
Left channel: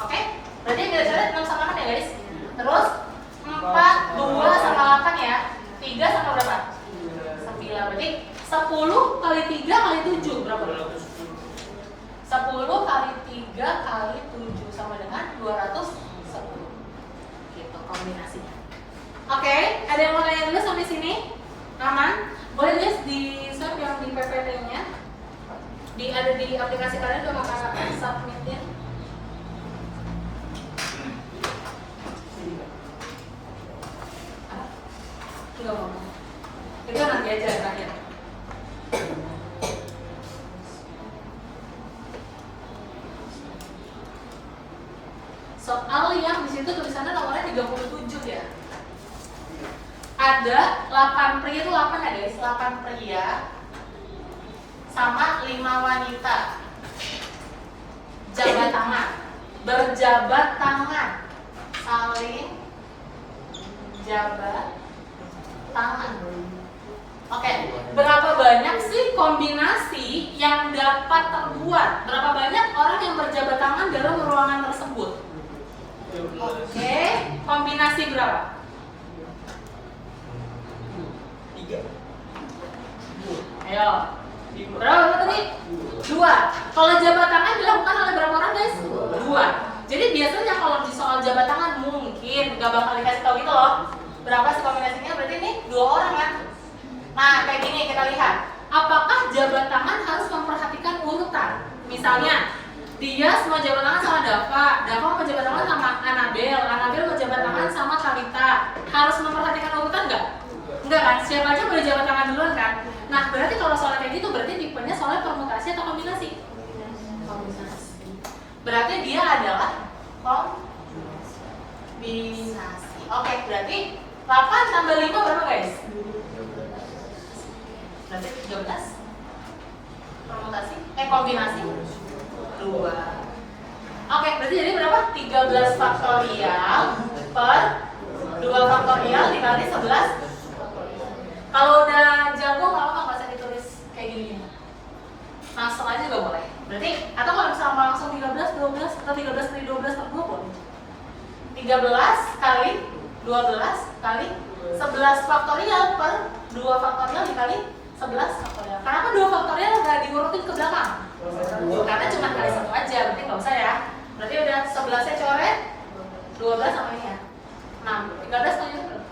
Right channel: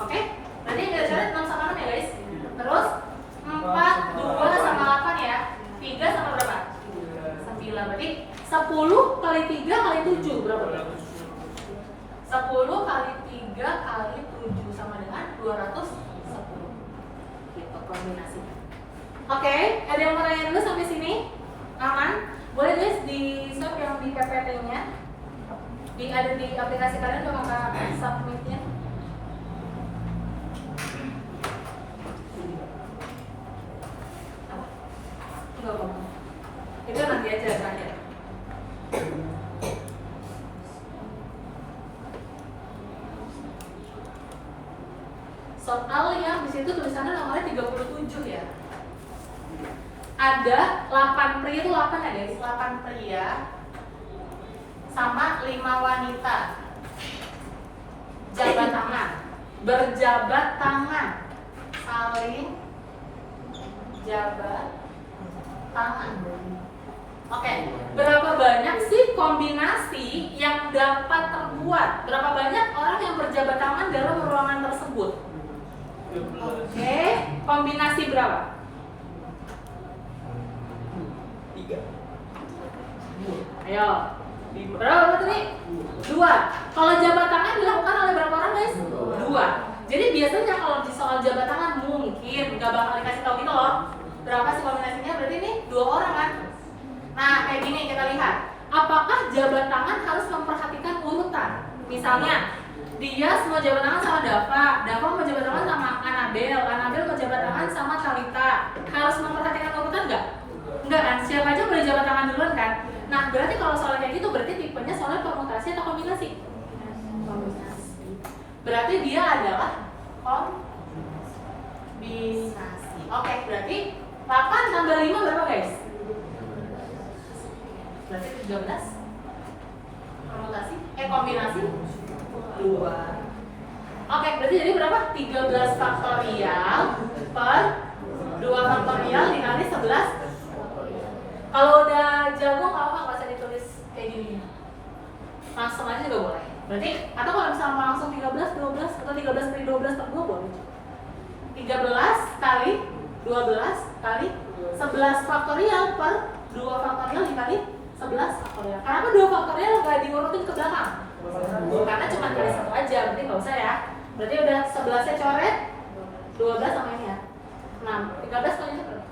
Oke? Berarti yang kita cari 6 sama 6 ya guys. Terus 4, 2 sama 8 ya. 3 sama berapa? 9. Berarti 10 kali 3 kali 7 berapa? 10 kali 3 kali 7 sama dengan 210. Gitu kombinasinya. Oke, ada yang mau tanya dulu sampai sini? Aman? Boleh guys di swap yang di PPT-nya. Ada di aplikasi kalian udah kakak submitin. Enggak mau. Itu nanti aja nanya. Soal yang di situ tulisannya nomornya 37 ya. Ada 8 pria itu 8 ya guys, 8 pria sama 5 wanita jabat tangan, berjabat tangan, saling jabat tangan. Oke, berapa banyak sih kombinasi yang dapat terbuat? Berapa banyak orang yang berjabat tangan dalam ruangan tersebut? Oke, kombinasi berapa? 3. Ayo. Berapa tadi? 2. Kalau jabat tangan dilakukan oleh berapa orang guys? 2. Jadi biasanya kalau di soal jabat tangan mungkin gak bakal dikasih tahu gitu loh. Berapa sih kombinasinya? Berarti ini 2 orang kan? Nah kayak gini kita lihat. Apakah jabat tangan harus memperhatikan urutan? Misalnya dia mau jabat tangan sama Dava mau jabat tangan sama Anabel mau jabat tangan sama Kalita. Harus memperhatikan urutan nggak? Enggak kan? Siapa aja boleh jabat tangan duluan kan? Nah berarti kalau soalnya kayak gitu berarti tipenya soalnya permutasi atau kombinasi? Kombinasi. Berarti dia adalah kombinasi. Oke, berarti 8 tambah 5 berapa guys? Berarti 13. Permutasi, kombinasi 2. Oke, berarti jadi berapa? 13 faktorial per 2 faktorial dikali 11. Kalau udah jago nggak apa-apa, nggak usah ditulis kayak gini. Langsung aja juga boleh. Berarti, atau kalau misalnya mau langsung 13, 12, atau 13 kali 12 per 2 boleh. 13 kali 12 kali 11 faktorial per 2 faktorial dikali 11 faktorial. Kenapa 2 faktorial nggak diurutin ke belakang? Karena cuma kali 1 aja, berarti nggak usah ya. Berarti udah 11 nya coret, 12 sama ini ya 6, 13 kali 1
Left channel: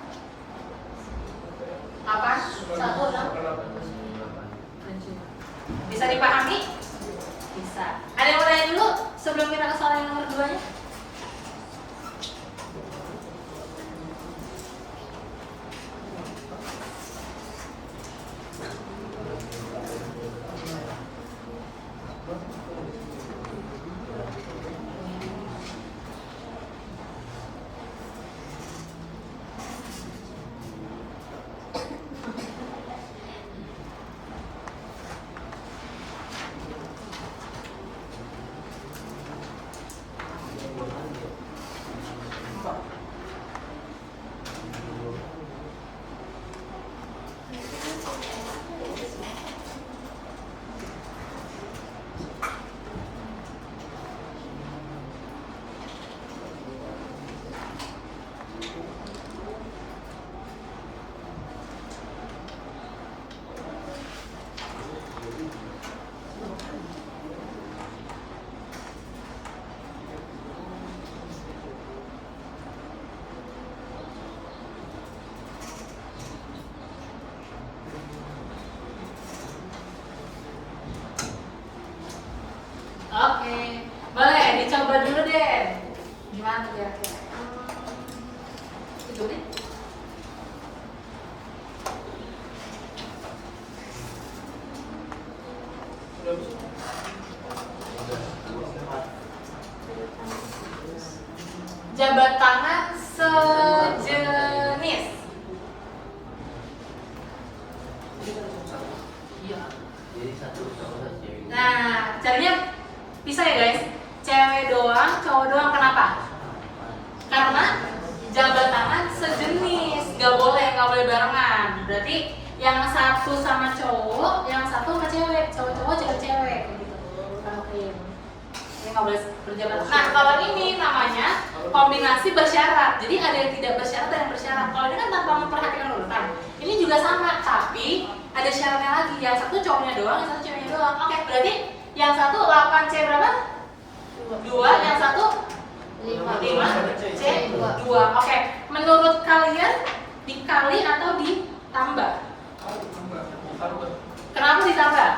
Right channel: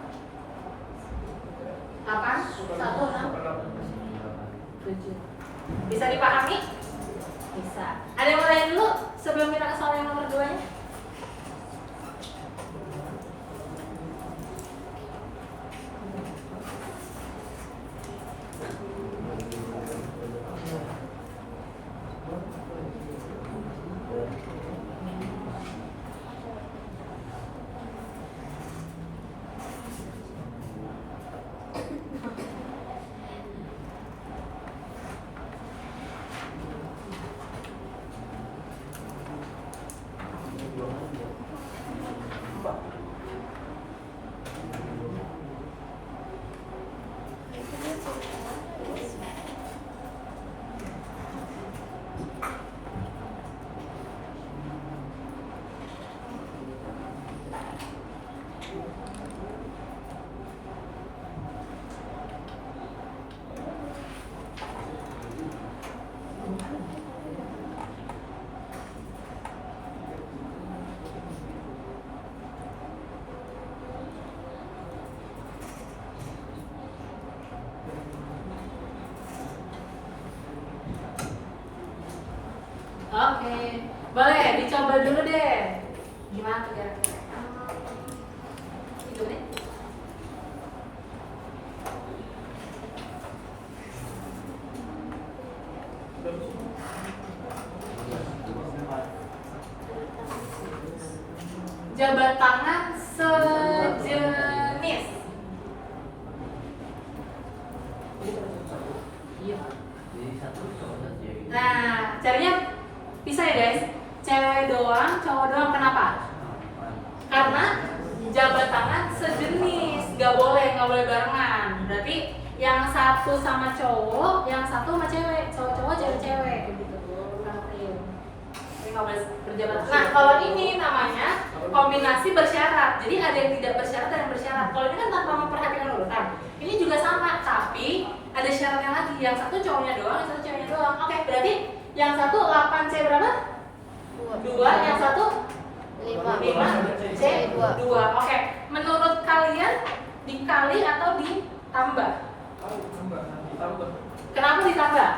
8, 1, 6. Bisa dipahami? Bisa. Ada yang mau tanya dulu sebelum kita ke soal yang nomor 2 nya? Oke, boleh dicoba dulu deh. Gimana tuh kira-kira? Itu deh. Jabat tangan sejenis. Nah, caranya bisa ya guys, cewek doang, cowok doang. Kenapa? Karena jabat tangan sejenis, nggak boleh barengan. Berarti yang satu sama cowok, yang satu sama cewek, cowok-cowok, cewek-cewek kayak gitu. Ini nggak boleh berjabat. Nah kalau ini namanya kombinasi bersyarat. Jadi ada yang tidak bersyarat dan yang bersyarat. Kalau ini kan tanpa memperhatikan urutan. Ini juga sama, tapi ada syaratnya lagi. Yang satu cowoknya doang, yang satu ceweknya doang. Oke, berarti yang satu 8C berapa? 2, yang satu 5C 2. Oke, menurut kalian dikali atau ditambah? Kenapa ditambah?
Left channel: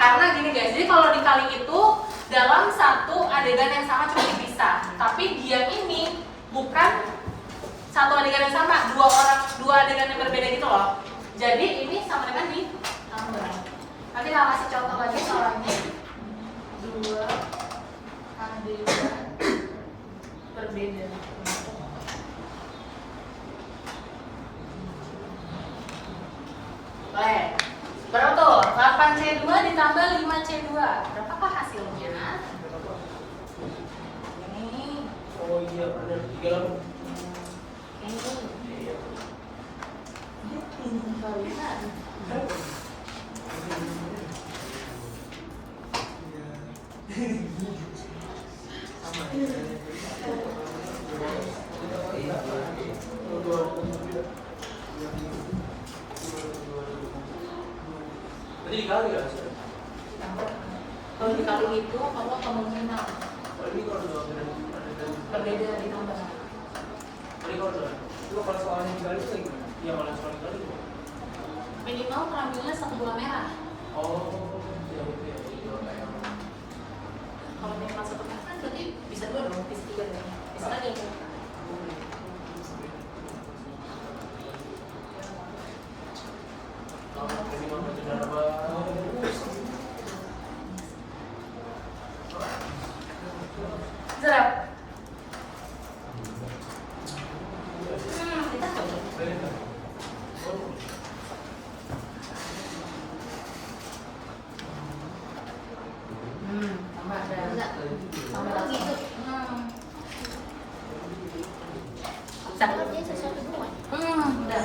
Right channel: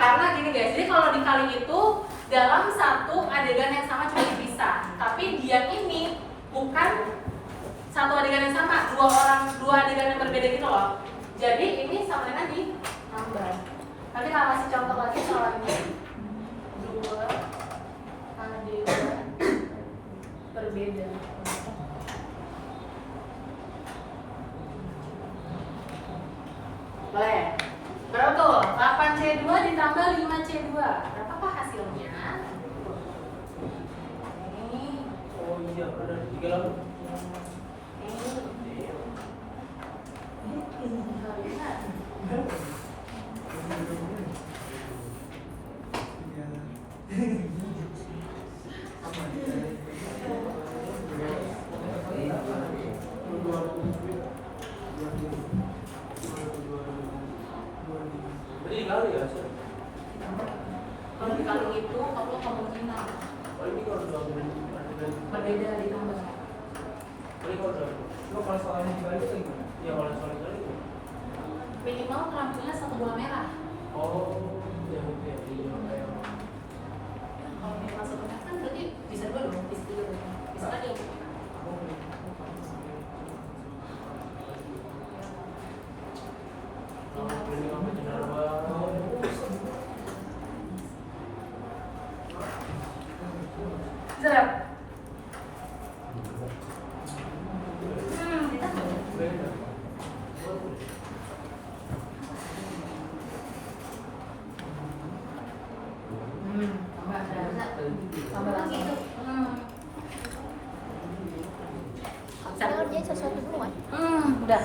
Karena gini guys, jadi kalau dikali itu dalam satu adegan yang sama cuma dipisah. Tapi dia ini bukan satu adegan yang sama, dua adegan yang berbeda gitu loh. Jadi ini sama dengan ditambah. Nanti kalau kasih contoh lagi soalnya 2 adegan berbeda. Boleh? Berapa tuh? 8C2 ditambah 5C2. Berapakah hasilnya? Ini. Oh iya, benar 3. Ini. Berarti dikali ya? Kalau dikali itu apa kemungkinan Berarti kalau dua berbeda ditambah. Berarti kalau soalnya dikali itu gimana? Ya kalau soal dikali itu Minimal terambilnya 1 bola merah. oh, ya oke. cuma 1 kan berarti bisa 2 dong, bisa 3 dong, bisa lagi kan? Zerap. Kita coba. Tambah lagi. Udah.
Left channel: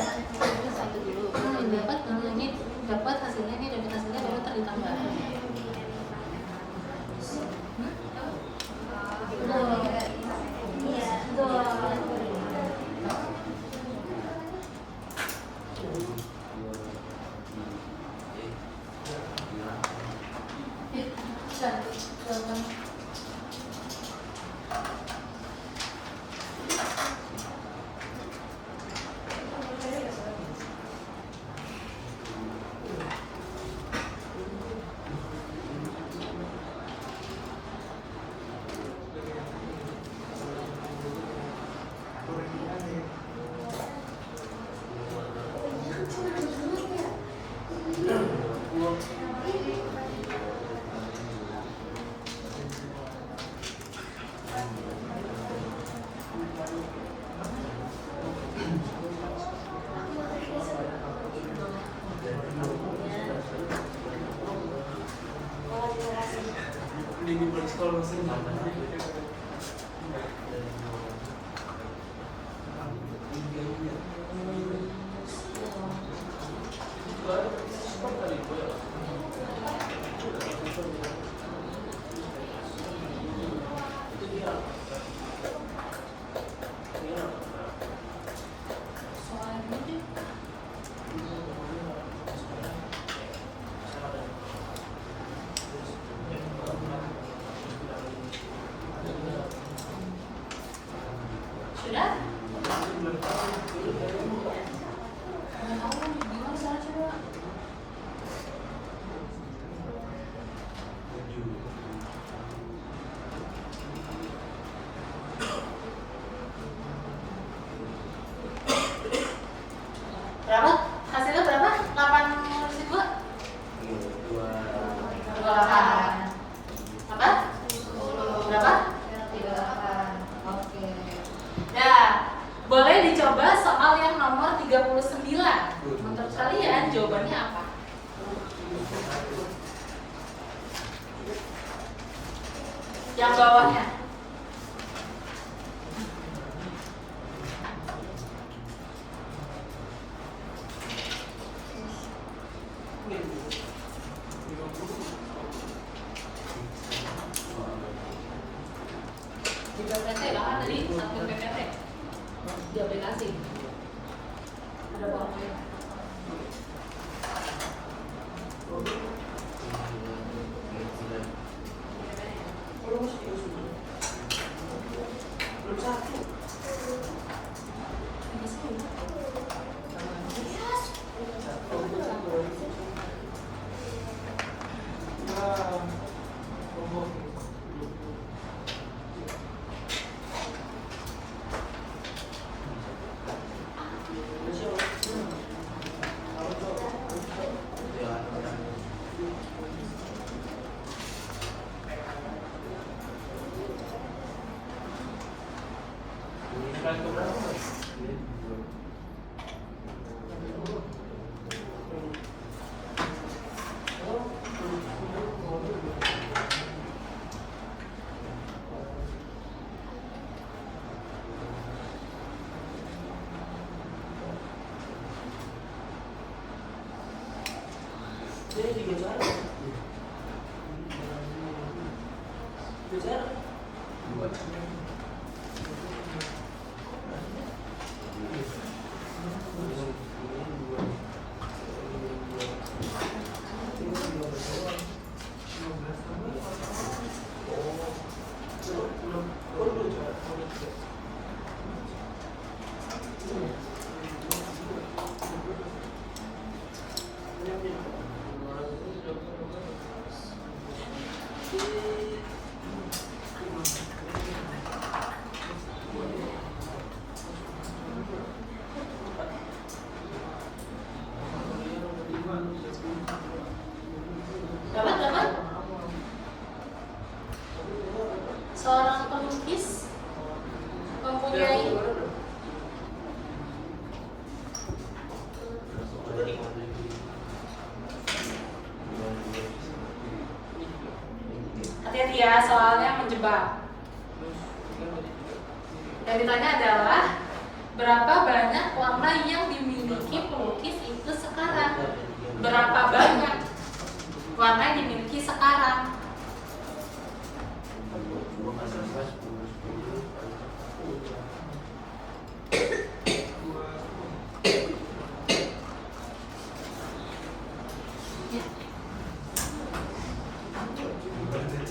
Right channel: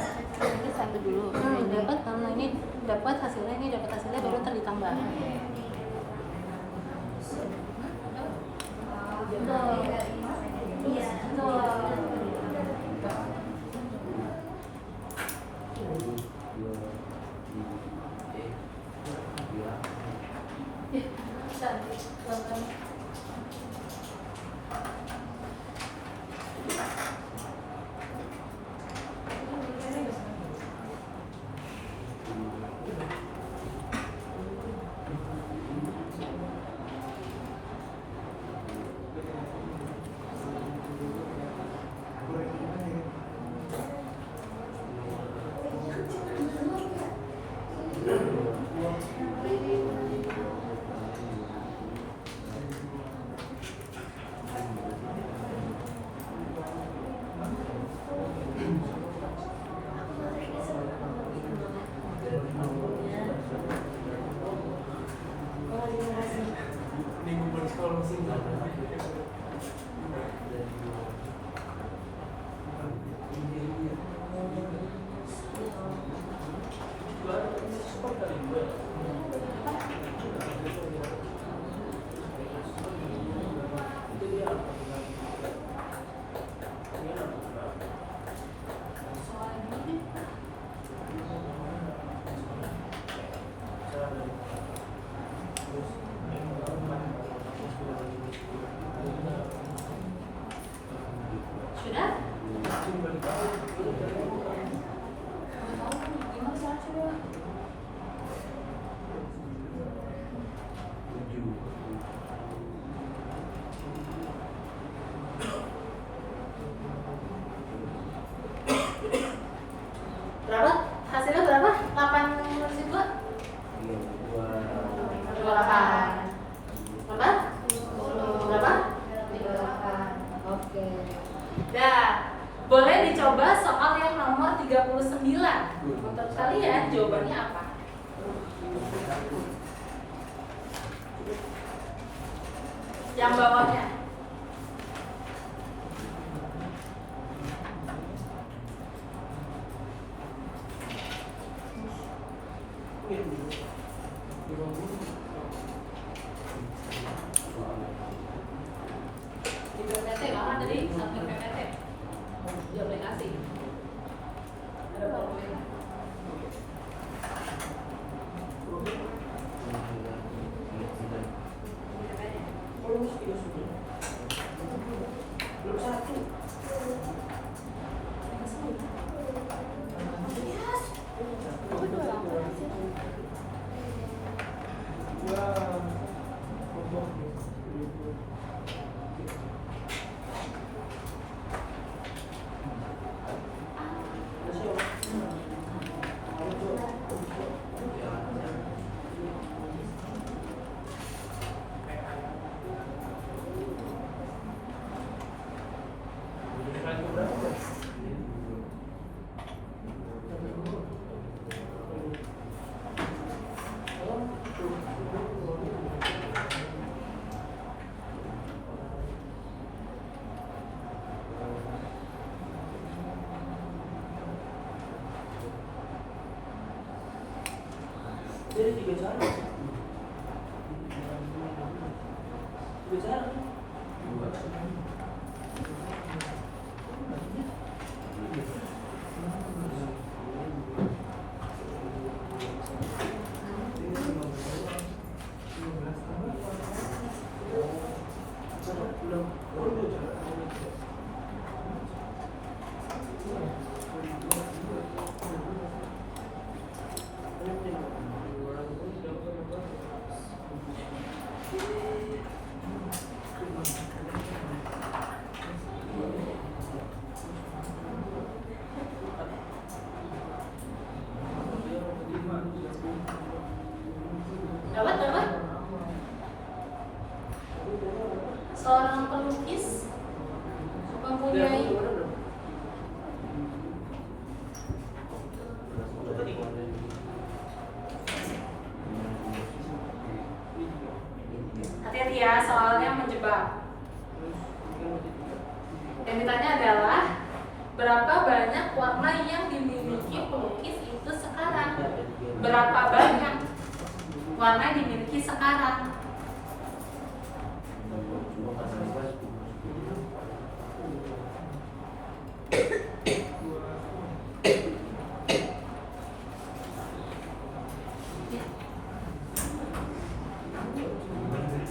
Sampai dulu. Dapat karena ini dapat hasilnya baru ntar ditambah. Iya, betul. Sudah? Berapa? Hasilnya berapa? 82? 28. Apa? Berapa? 38. Oke. Nah, boleh dicoba soal yang nomor 39. Untuk kalian jawabannya apa? Yang bawahnya. Di PPT bahkan dari satu PPT di aplikasi ada powerpoint. Jadi 3 cara. 3 cara. ya, soalnya menjebak. Yang ditanya adalah berapa banyak warna yang dimiliki pelukis itu sekarang? Berapa banyak warna yang dimiliki sekarang?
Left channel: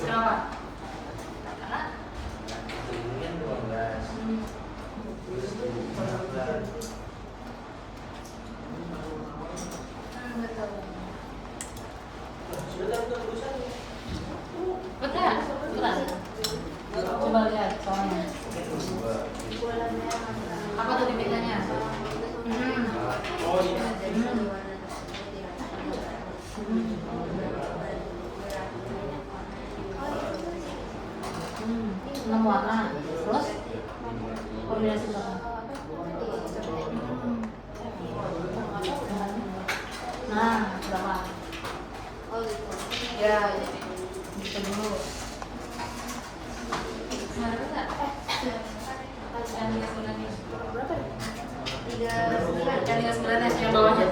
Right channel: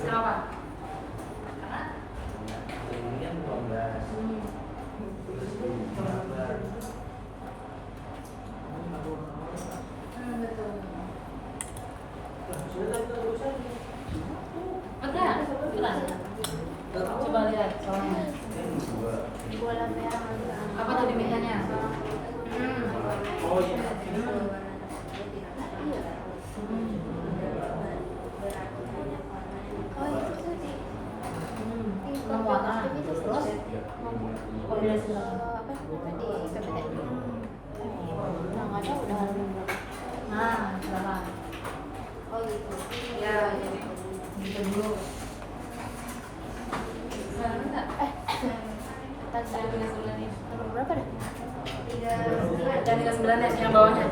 Berapa? Benar, benar. Coba lihat soalnya. Apa tuh pilihannya? Enam warna. Terus kombinasi berapa? Nah, berapa? Ya, gitu dulu. Yang 39 yang bawahnya,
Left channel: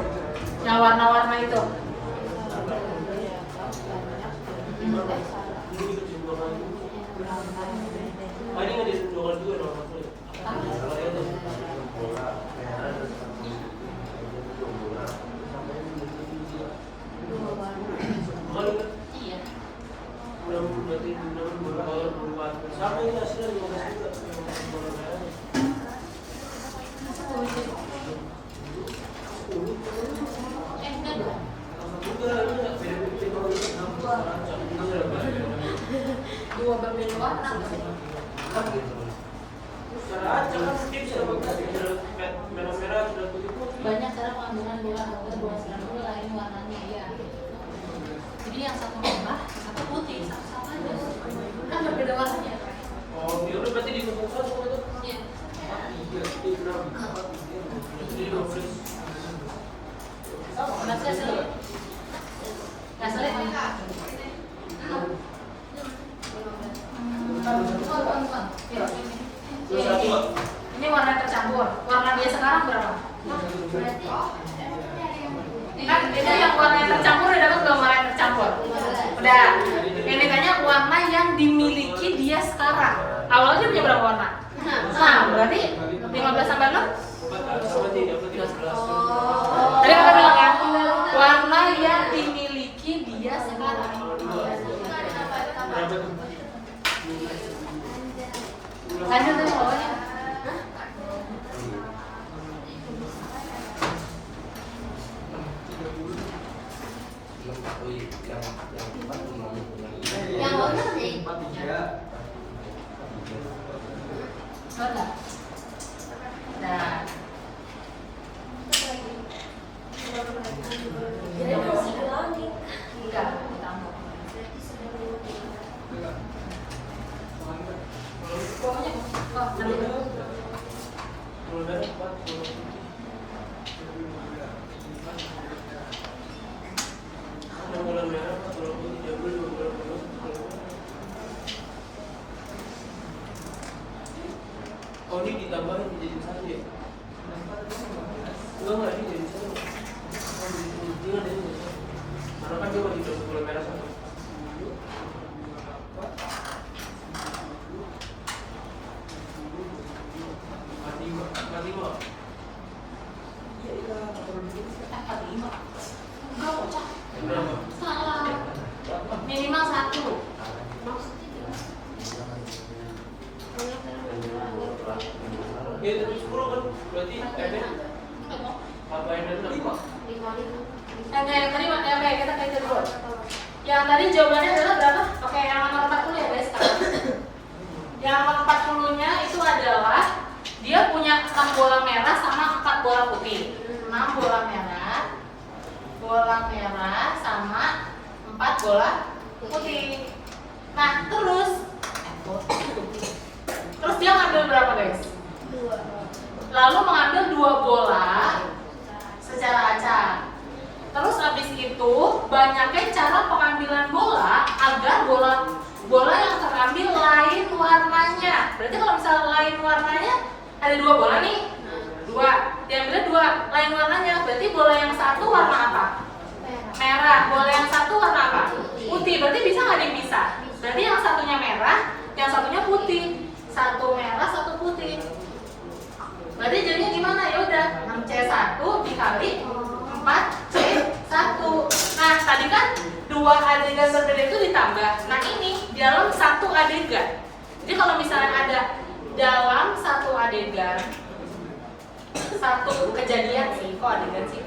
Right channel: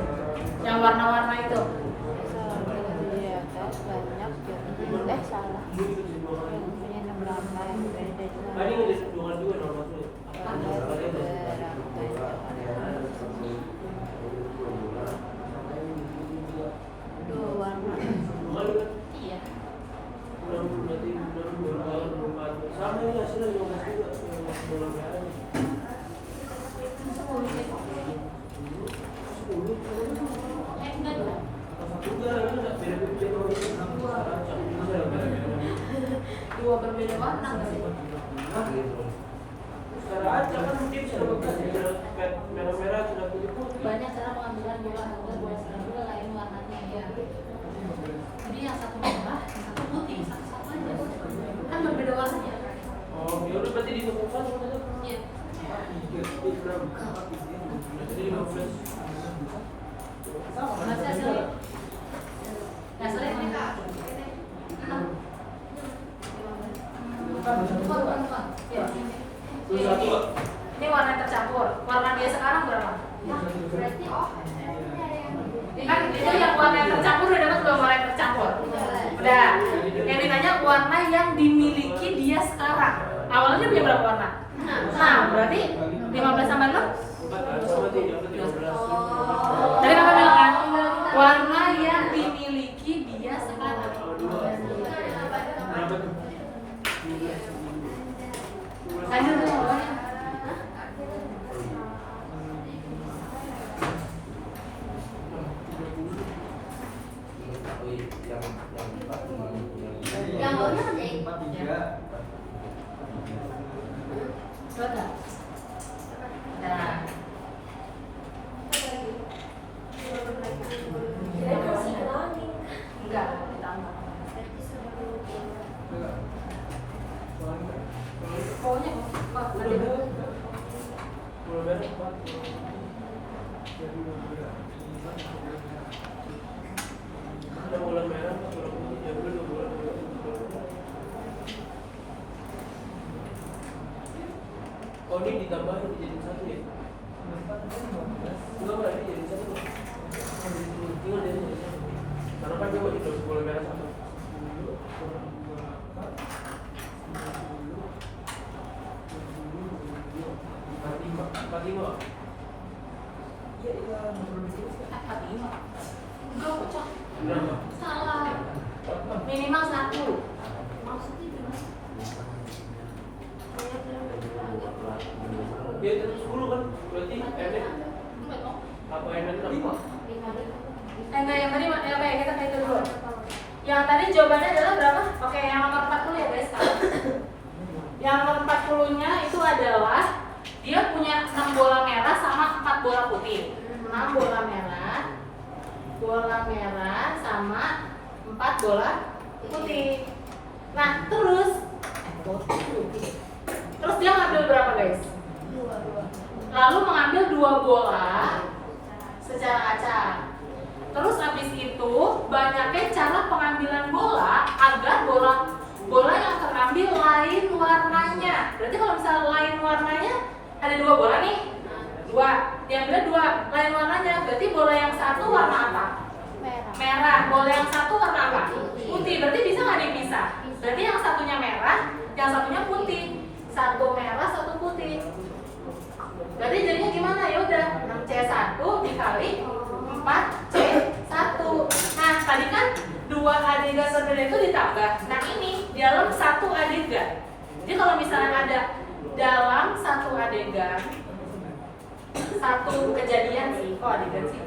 yang warna-warna itu. Ada nggak di dua kali juga nomor satu? Iya. Sama ini hasilnya juga. Dua berbeda warna. Merah-merah sudah putih. Banyak cara pengambilan merah atau buah serangga lain warnanya ya. Jadi yang satu merah, yang satu putih, satu sama kan berbeda warnanya. Oh, ya udah berarti dikumpulkan sama itu. Iya. Berarti hasilnya? Hasilnya ini. Ini warna tercampur. Warna dia sekarang berapa? Kan itu yang warna yang tercampur udah dapat belum warna yang tercampur? Udah. Yang ditanya warna yang dimiliki dia sekarang. Awalnya dia punya berapa warna? Nah, berarti 15 tambah 6? Tadi kakak bilang kan, warna yang dimiliki dia sekarang. Lanjut tadi bawahnya. Yang bawahnya kan ya? Betul. Nah. Enggak, ditambah. Pokoknya, bola merah, bola putih, dia boleh dua bola merah. Oh, ini ditambahin jadi satu ya? Enggak, ini jadi satu. Tinggal dari satu. Mana kan coba itu bola merah satu. Mati lima. Iya, iya. enggak kocak. Berapa? Salah. Minimal 1. Ya, dari 10 kan berarti endek. Apa endek 5? Enggak, yang tadi mana apa ya? Kita kayak dulu. Yang tadi jawabannya adalah berapa? Oke, yang nomor 40 ya guys sekarang. Yang nomor 40-nya itu adalah dia punya 6 bola merah sama 4 bola putih. 6 bola merah sama 4 bola putih. Nah, terus dia ngambil berapa guys? Lalu mengambil 2 bola secara acak. Terus habis itu banyaknya cara pengambilan bola agar bola yang berbeda itu ditambah. Nah ini dalam satu adegan. Jadi kalau misalnya ada dalam satu adegan, satu kejadian sih, kok adegan sih?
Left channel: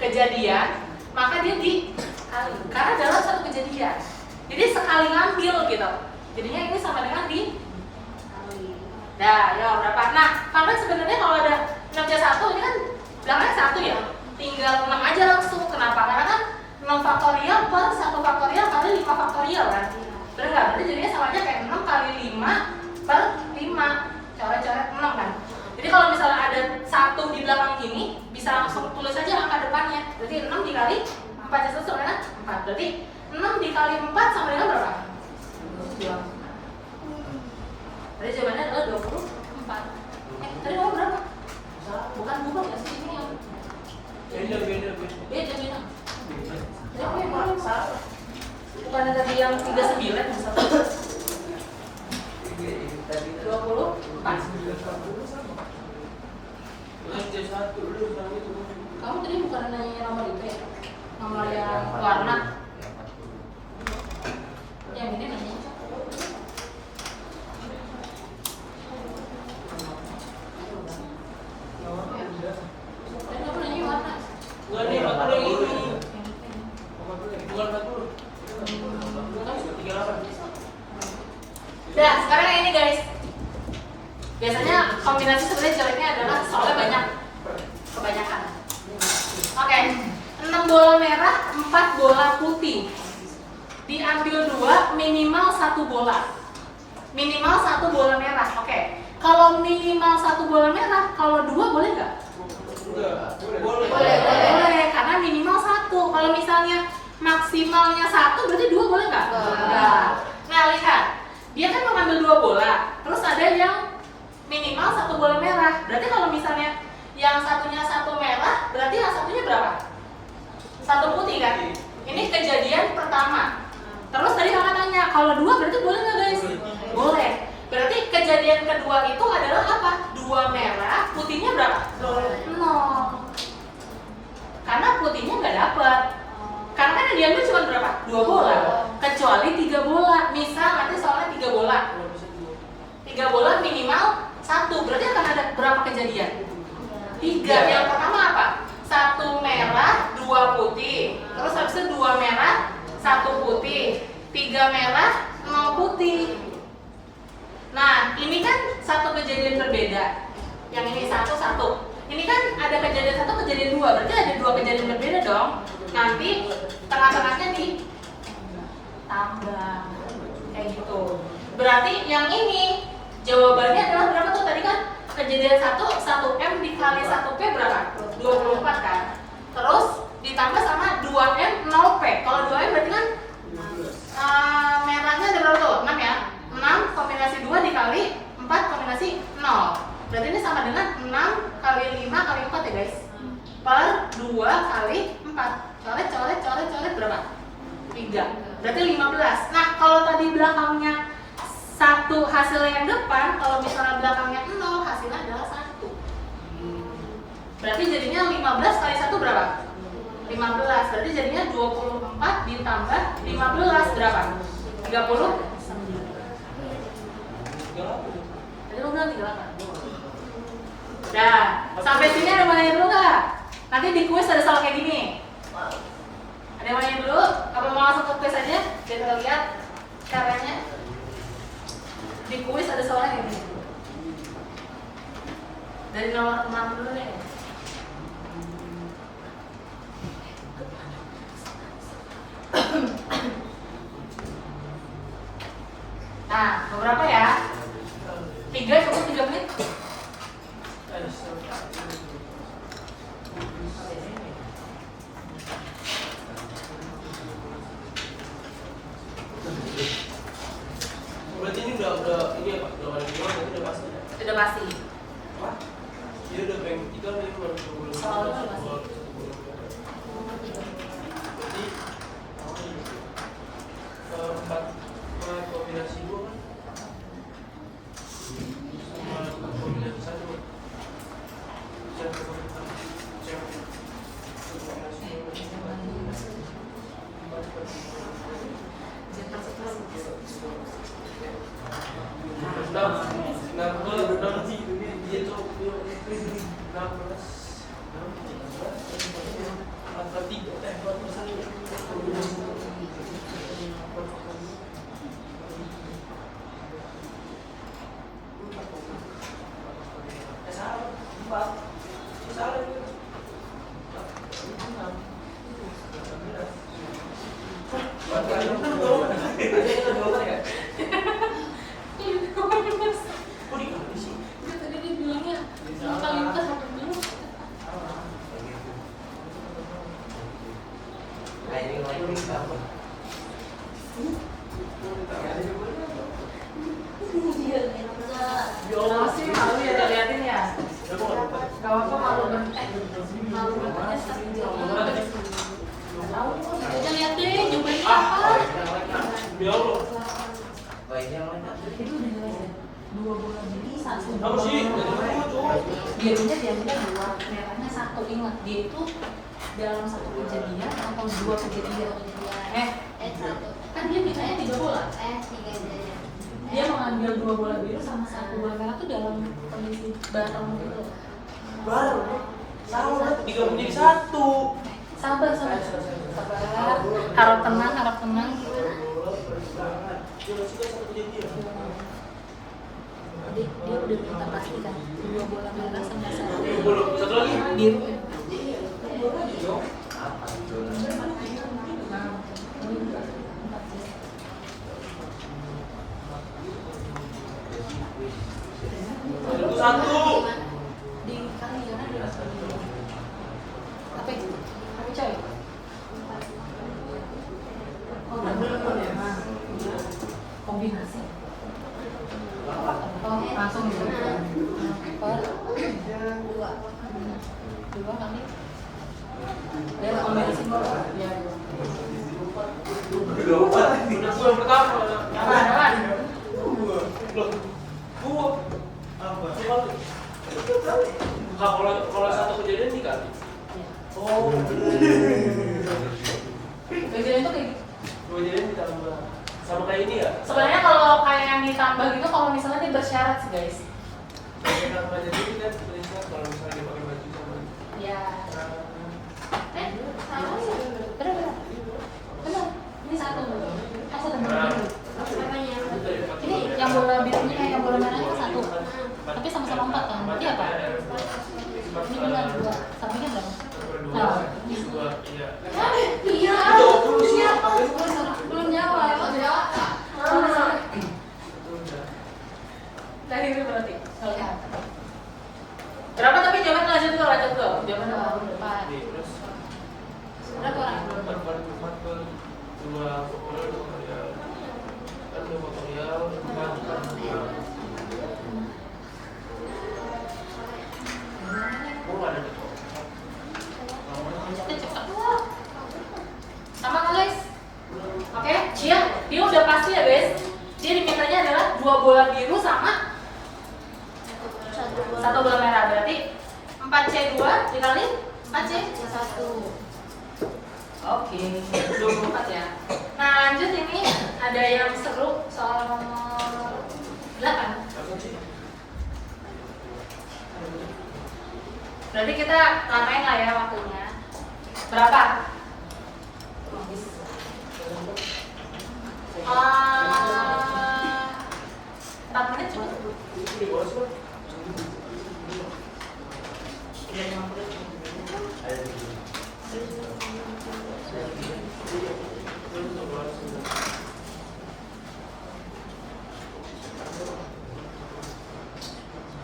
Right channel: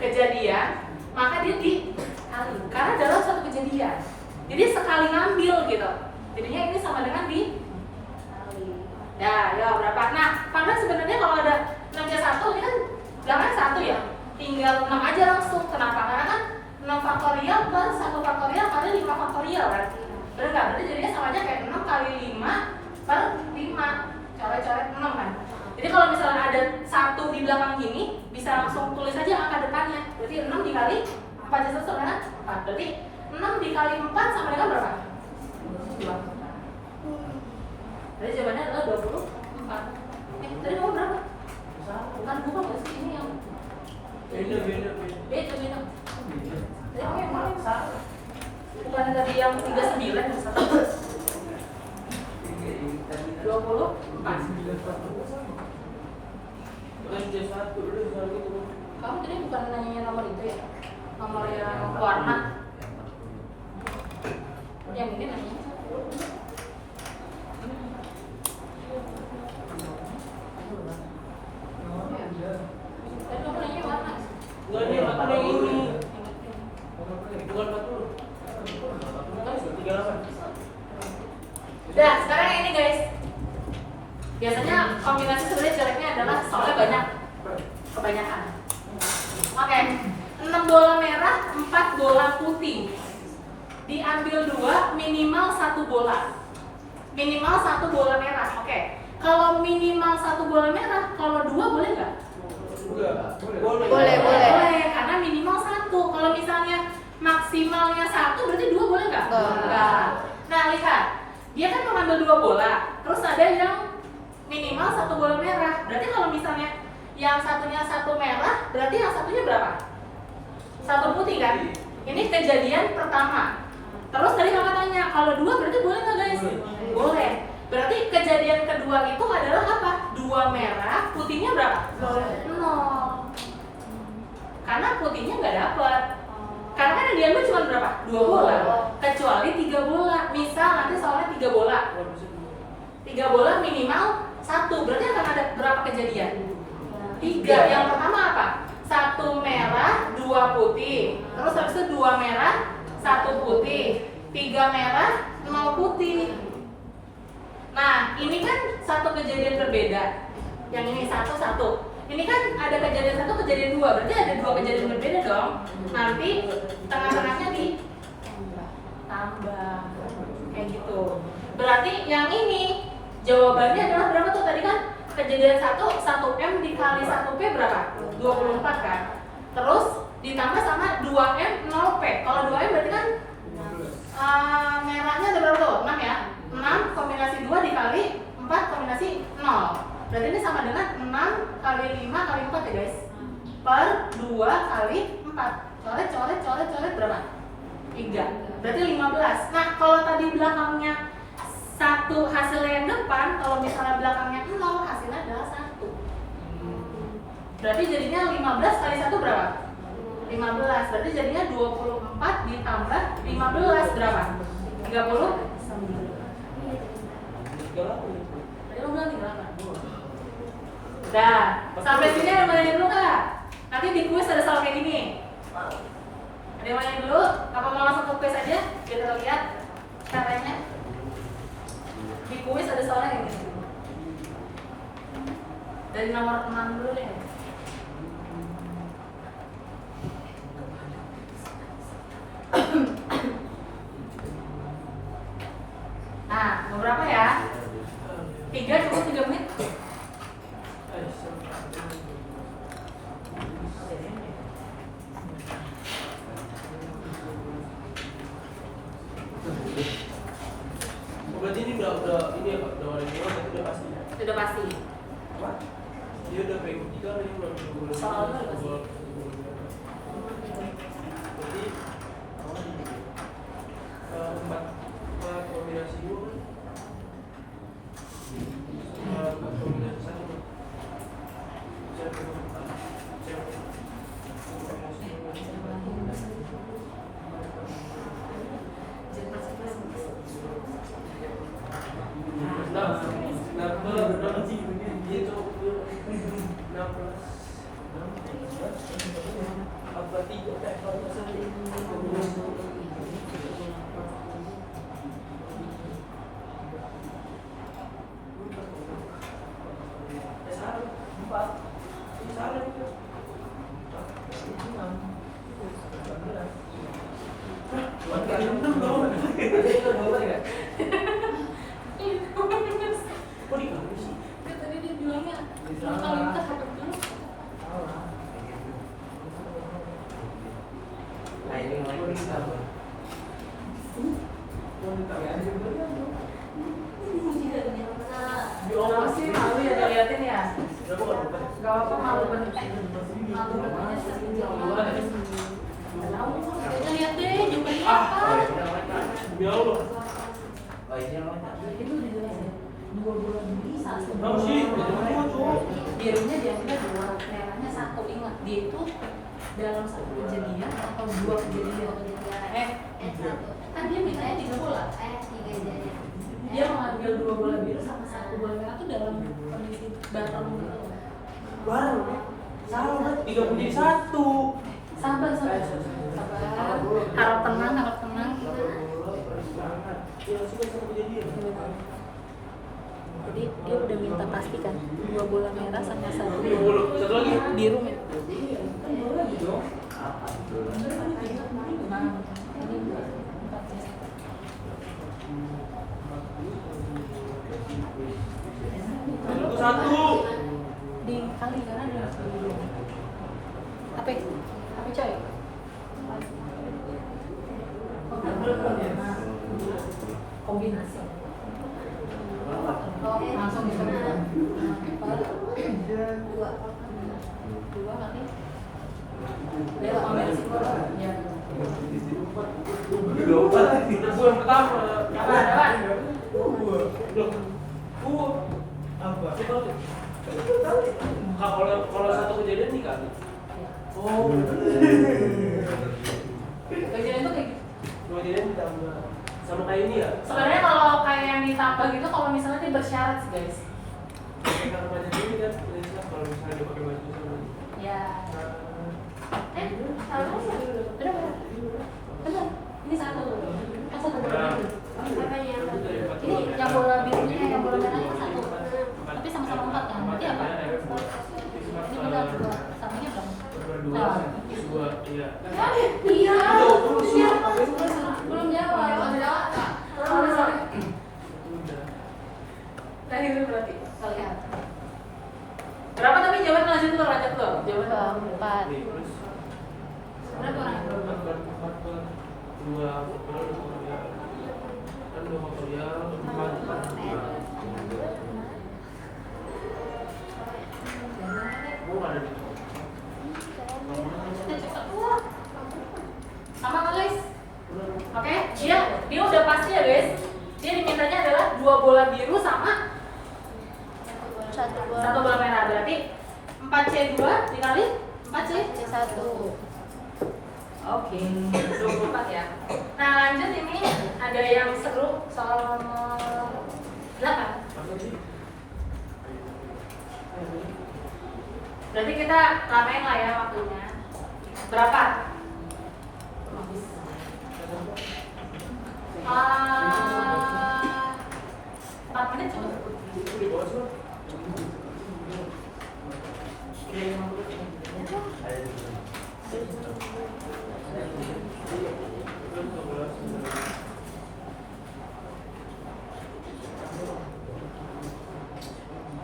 Kejadian, maka dia dikali. Karena dalam satu kejadian. Jadi sekali ngambil gitu. Jadinya ini sama dengan dikali. Nah, ya berapa? Nah, karena sebenarnya kalau ada 6C1 ini kan belakangnya 1 ya. Tinggal 6 aja langsung. Kenapa? Karena kan 6 faktorial per 1 faktorial kali 5 faktorial kan. Bener nggak? Berarti jadinya sama aja kayak 6 kali 5 per 5. Coret-coret 6 kan. Jadi kalau misalnya ada 1 di belakang gini, bisa langsung tulis aja angka depannya. Berarti 6 dikali 4 sama dengan 4. Berarti 6 dikali 4 sama dengan berapa? 24. Jadi jawabannya adalah 24. Tadi kamu berapa? Bukan ya sih ini yang beda. Bukan tadi yang 39 misalnya. 24. Kamu tadi bukan nanya nomor itu ya? Nomor yang warna. Yang ini namanya. Enggak nih, aku yang ini. Bukan 40. Nah, sekarang yang ini guys. Biasanya kombinasi sebenarnya jeleknya adalah soalnya banyak. Kebanyakan. Oke. 6 bola merah, 4 bola putih. Diambil 2, minimal 1 bola. Minimal 1 bola merah. Oke. Kalau minimal 1 bola merah, kalau 2 boleh nggak? Boleh, karena minimal 1. Kalau misalnya maksimalnya 1, berarti 2 boleh nggak? Enggak. Nah, lihat. Dia kan mengambil 2 bola. Terus ada yang minimal 1 bola merah. Berarti kalau misalnya yang satunya 1 merah, berarti yang satunya berapa? 1 putih kan? Ini kejadian pertama. Terus tadi kakak tanya, kalau 2 berarti boleh nggak guys? Boleh. Berarti kejadian kedua itu adalah apa? 2 merah, putihnya berapa? 0. Karena putihnya nggak dapat. Karena kan yang diambil cuma berapa? 2 bola. Kecuali 3 bola. Misal nanti soalnya 3 bola. 3 bola minimal 1. Berarti akan ada berapa kejadian? 3. Yang pertama apa? 1 merah, 2 putih. Terus habis itu 2 merah, 1 putih. 3 merah, 0 putih. Nah, ini kan satu kejadian berbeda. Yang ini 1. Ini kan ada kejadian 1, kejadian 2. Berarti ada 2 kejadian berbeda dong. Nanti tengah-tengahnya ditambah. Kayak gitu. Berarti yang ini jawabannya adalah berapa tuh? Tadi kan kejadian 1M dikali 1P berapa? 24 kan? Terus ditambah sama 2M 0P. Kalau 2M berarti kan merahnya ada berapa tuh? 6 ya? 6 kombinasi 2 dikali 4 kombinasi 0. Berarti ini sama dengan 6 kali 5 kali 4 ya guys. Per 2 kali 4. Coret berapa? 3. Berarti 15. Nah, kalau tadi belakangnya 1 hasilnya yang depan, kalau misalnya belakangnya 0 hasilnya adalah 1. Berarti jadinya 15 kali 1 berapa? 15. Berarti jadinya 24 ditambah 15 berapa? 39. Tadi lu bilang 38. Udah, sampai sini ada yang mau nanya dulu nggak? Nanti di kuis ada soal kayak gini. Ada yang mau nanya dulu? Apa mau langsung ke kuis aja? Biar kita lihat caranya. Di kuis ada soalnya kayak gini. Dari nomor 6 dulu deh. Nah, beberapa ya? 3 cukup 3 menit. Berarti ini udah ini ya Pak, udah ada dua, itu udah pasti. Sudah pasti. Apa? Dia udah pengen 3 nih baru. Sama udah pasti. Berarti 4 kombinasi 2 kan? Kombinasi 1 kan? 1 kombinasi 2. Kenapa sih malu ya ngeliatin ya? Gak apa-apa malu bener. Malu bener. Kita lihat deh jumlahnya apa. Bilang lo. Itu udah jelas ya. 2 bulan ini 1 Tahu sih, birunya biasanya 2, merahnya 1. Ingat dia itu dalam 1 kejadian atau 2 kejadian. Kan dia mintanya 3 bola. Dia mengambil 2 bola biru sama 1 bola merah tuh dalam kondisi bareng gitu. bareng. Salah, 3 menjadi 1. Sabar. Harap tenang. Jadi dia udah minta pastikan 2 bola merah sama 1 Satu lagi. biru. Satu. Dikali jangan tapi coy. Kombinasi. Langsung gitu. Dua kali. Dia kombinasi. Iya. Udah gua yang pertama. Apa? Gua. Apa? Kalau satu kejadian nih kali. Oh. Bagian itu kayak Dua kejadian ditambah. Sama kayak ini ya? Sebenarnya kalau kayak yang ditambah gitu, kalau misalnya dia bersyarat sih guys. Karena baju ini kan bisa kalau misalnya dia pakai baju sama. ya. Sama sih. Benar. Ini 1. Kan 1 bola biru. Ini yang bola birunya yang bola merahnya 1. Tapi sama-sama 4 kan? Berarti apa? Ini benar 2. Sampingnya dong. Nah, ini. Dua, iya. Iya. Belum jawab. Nah itu berarti. Lihat. Kenapa tapi jawaban lanjut tuh, jawaban Dekat. Terus Berapa orang? empat dua faktorial kan 2 faktorial 4 Gue nggak ada di Cepet. sama nulis. Oke, dia udah pasti ya guys. Dia dipintanya adalah 2 bola biru sama 1 bola merah. Berarti 4C2 dikali 4C1. Oke, 24 ya. Nah lanjut, ini ada yang seru soal nomor 8. Berarti kita lamain lah ya waktunya. Berapa?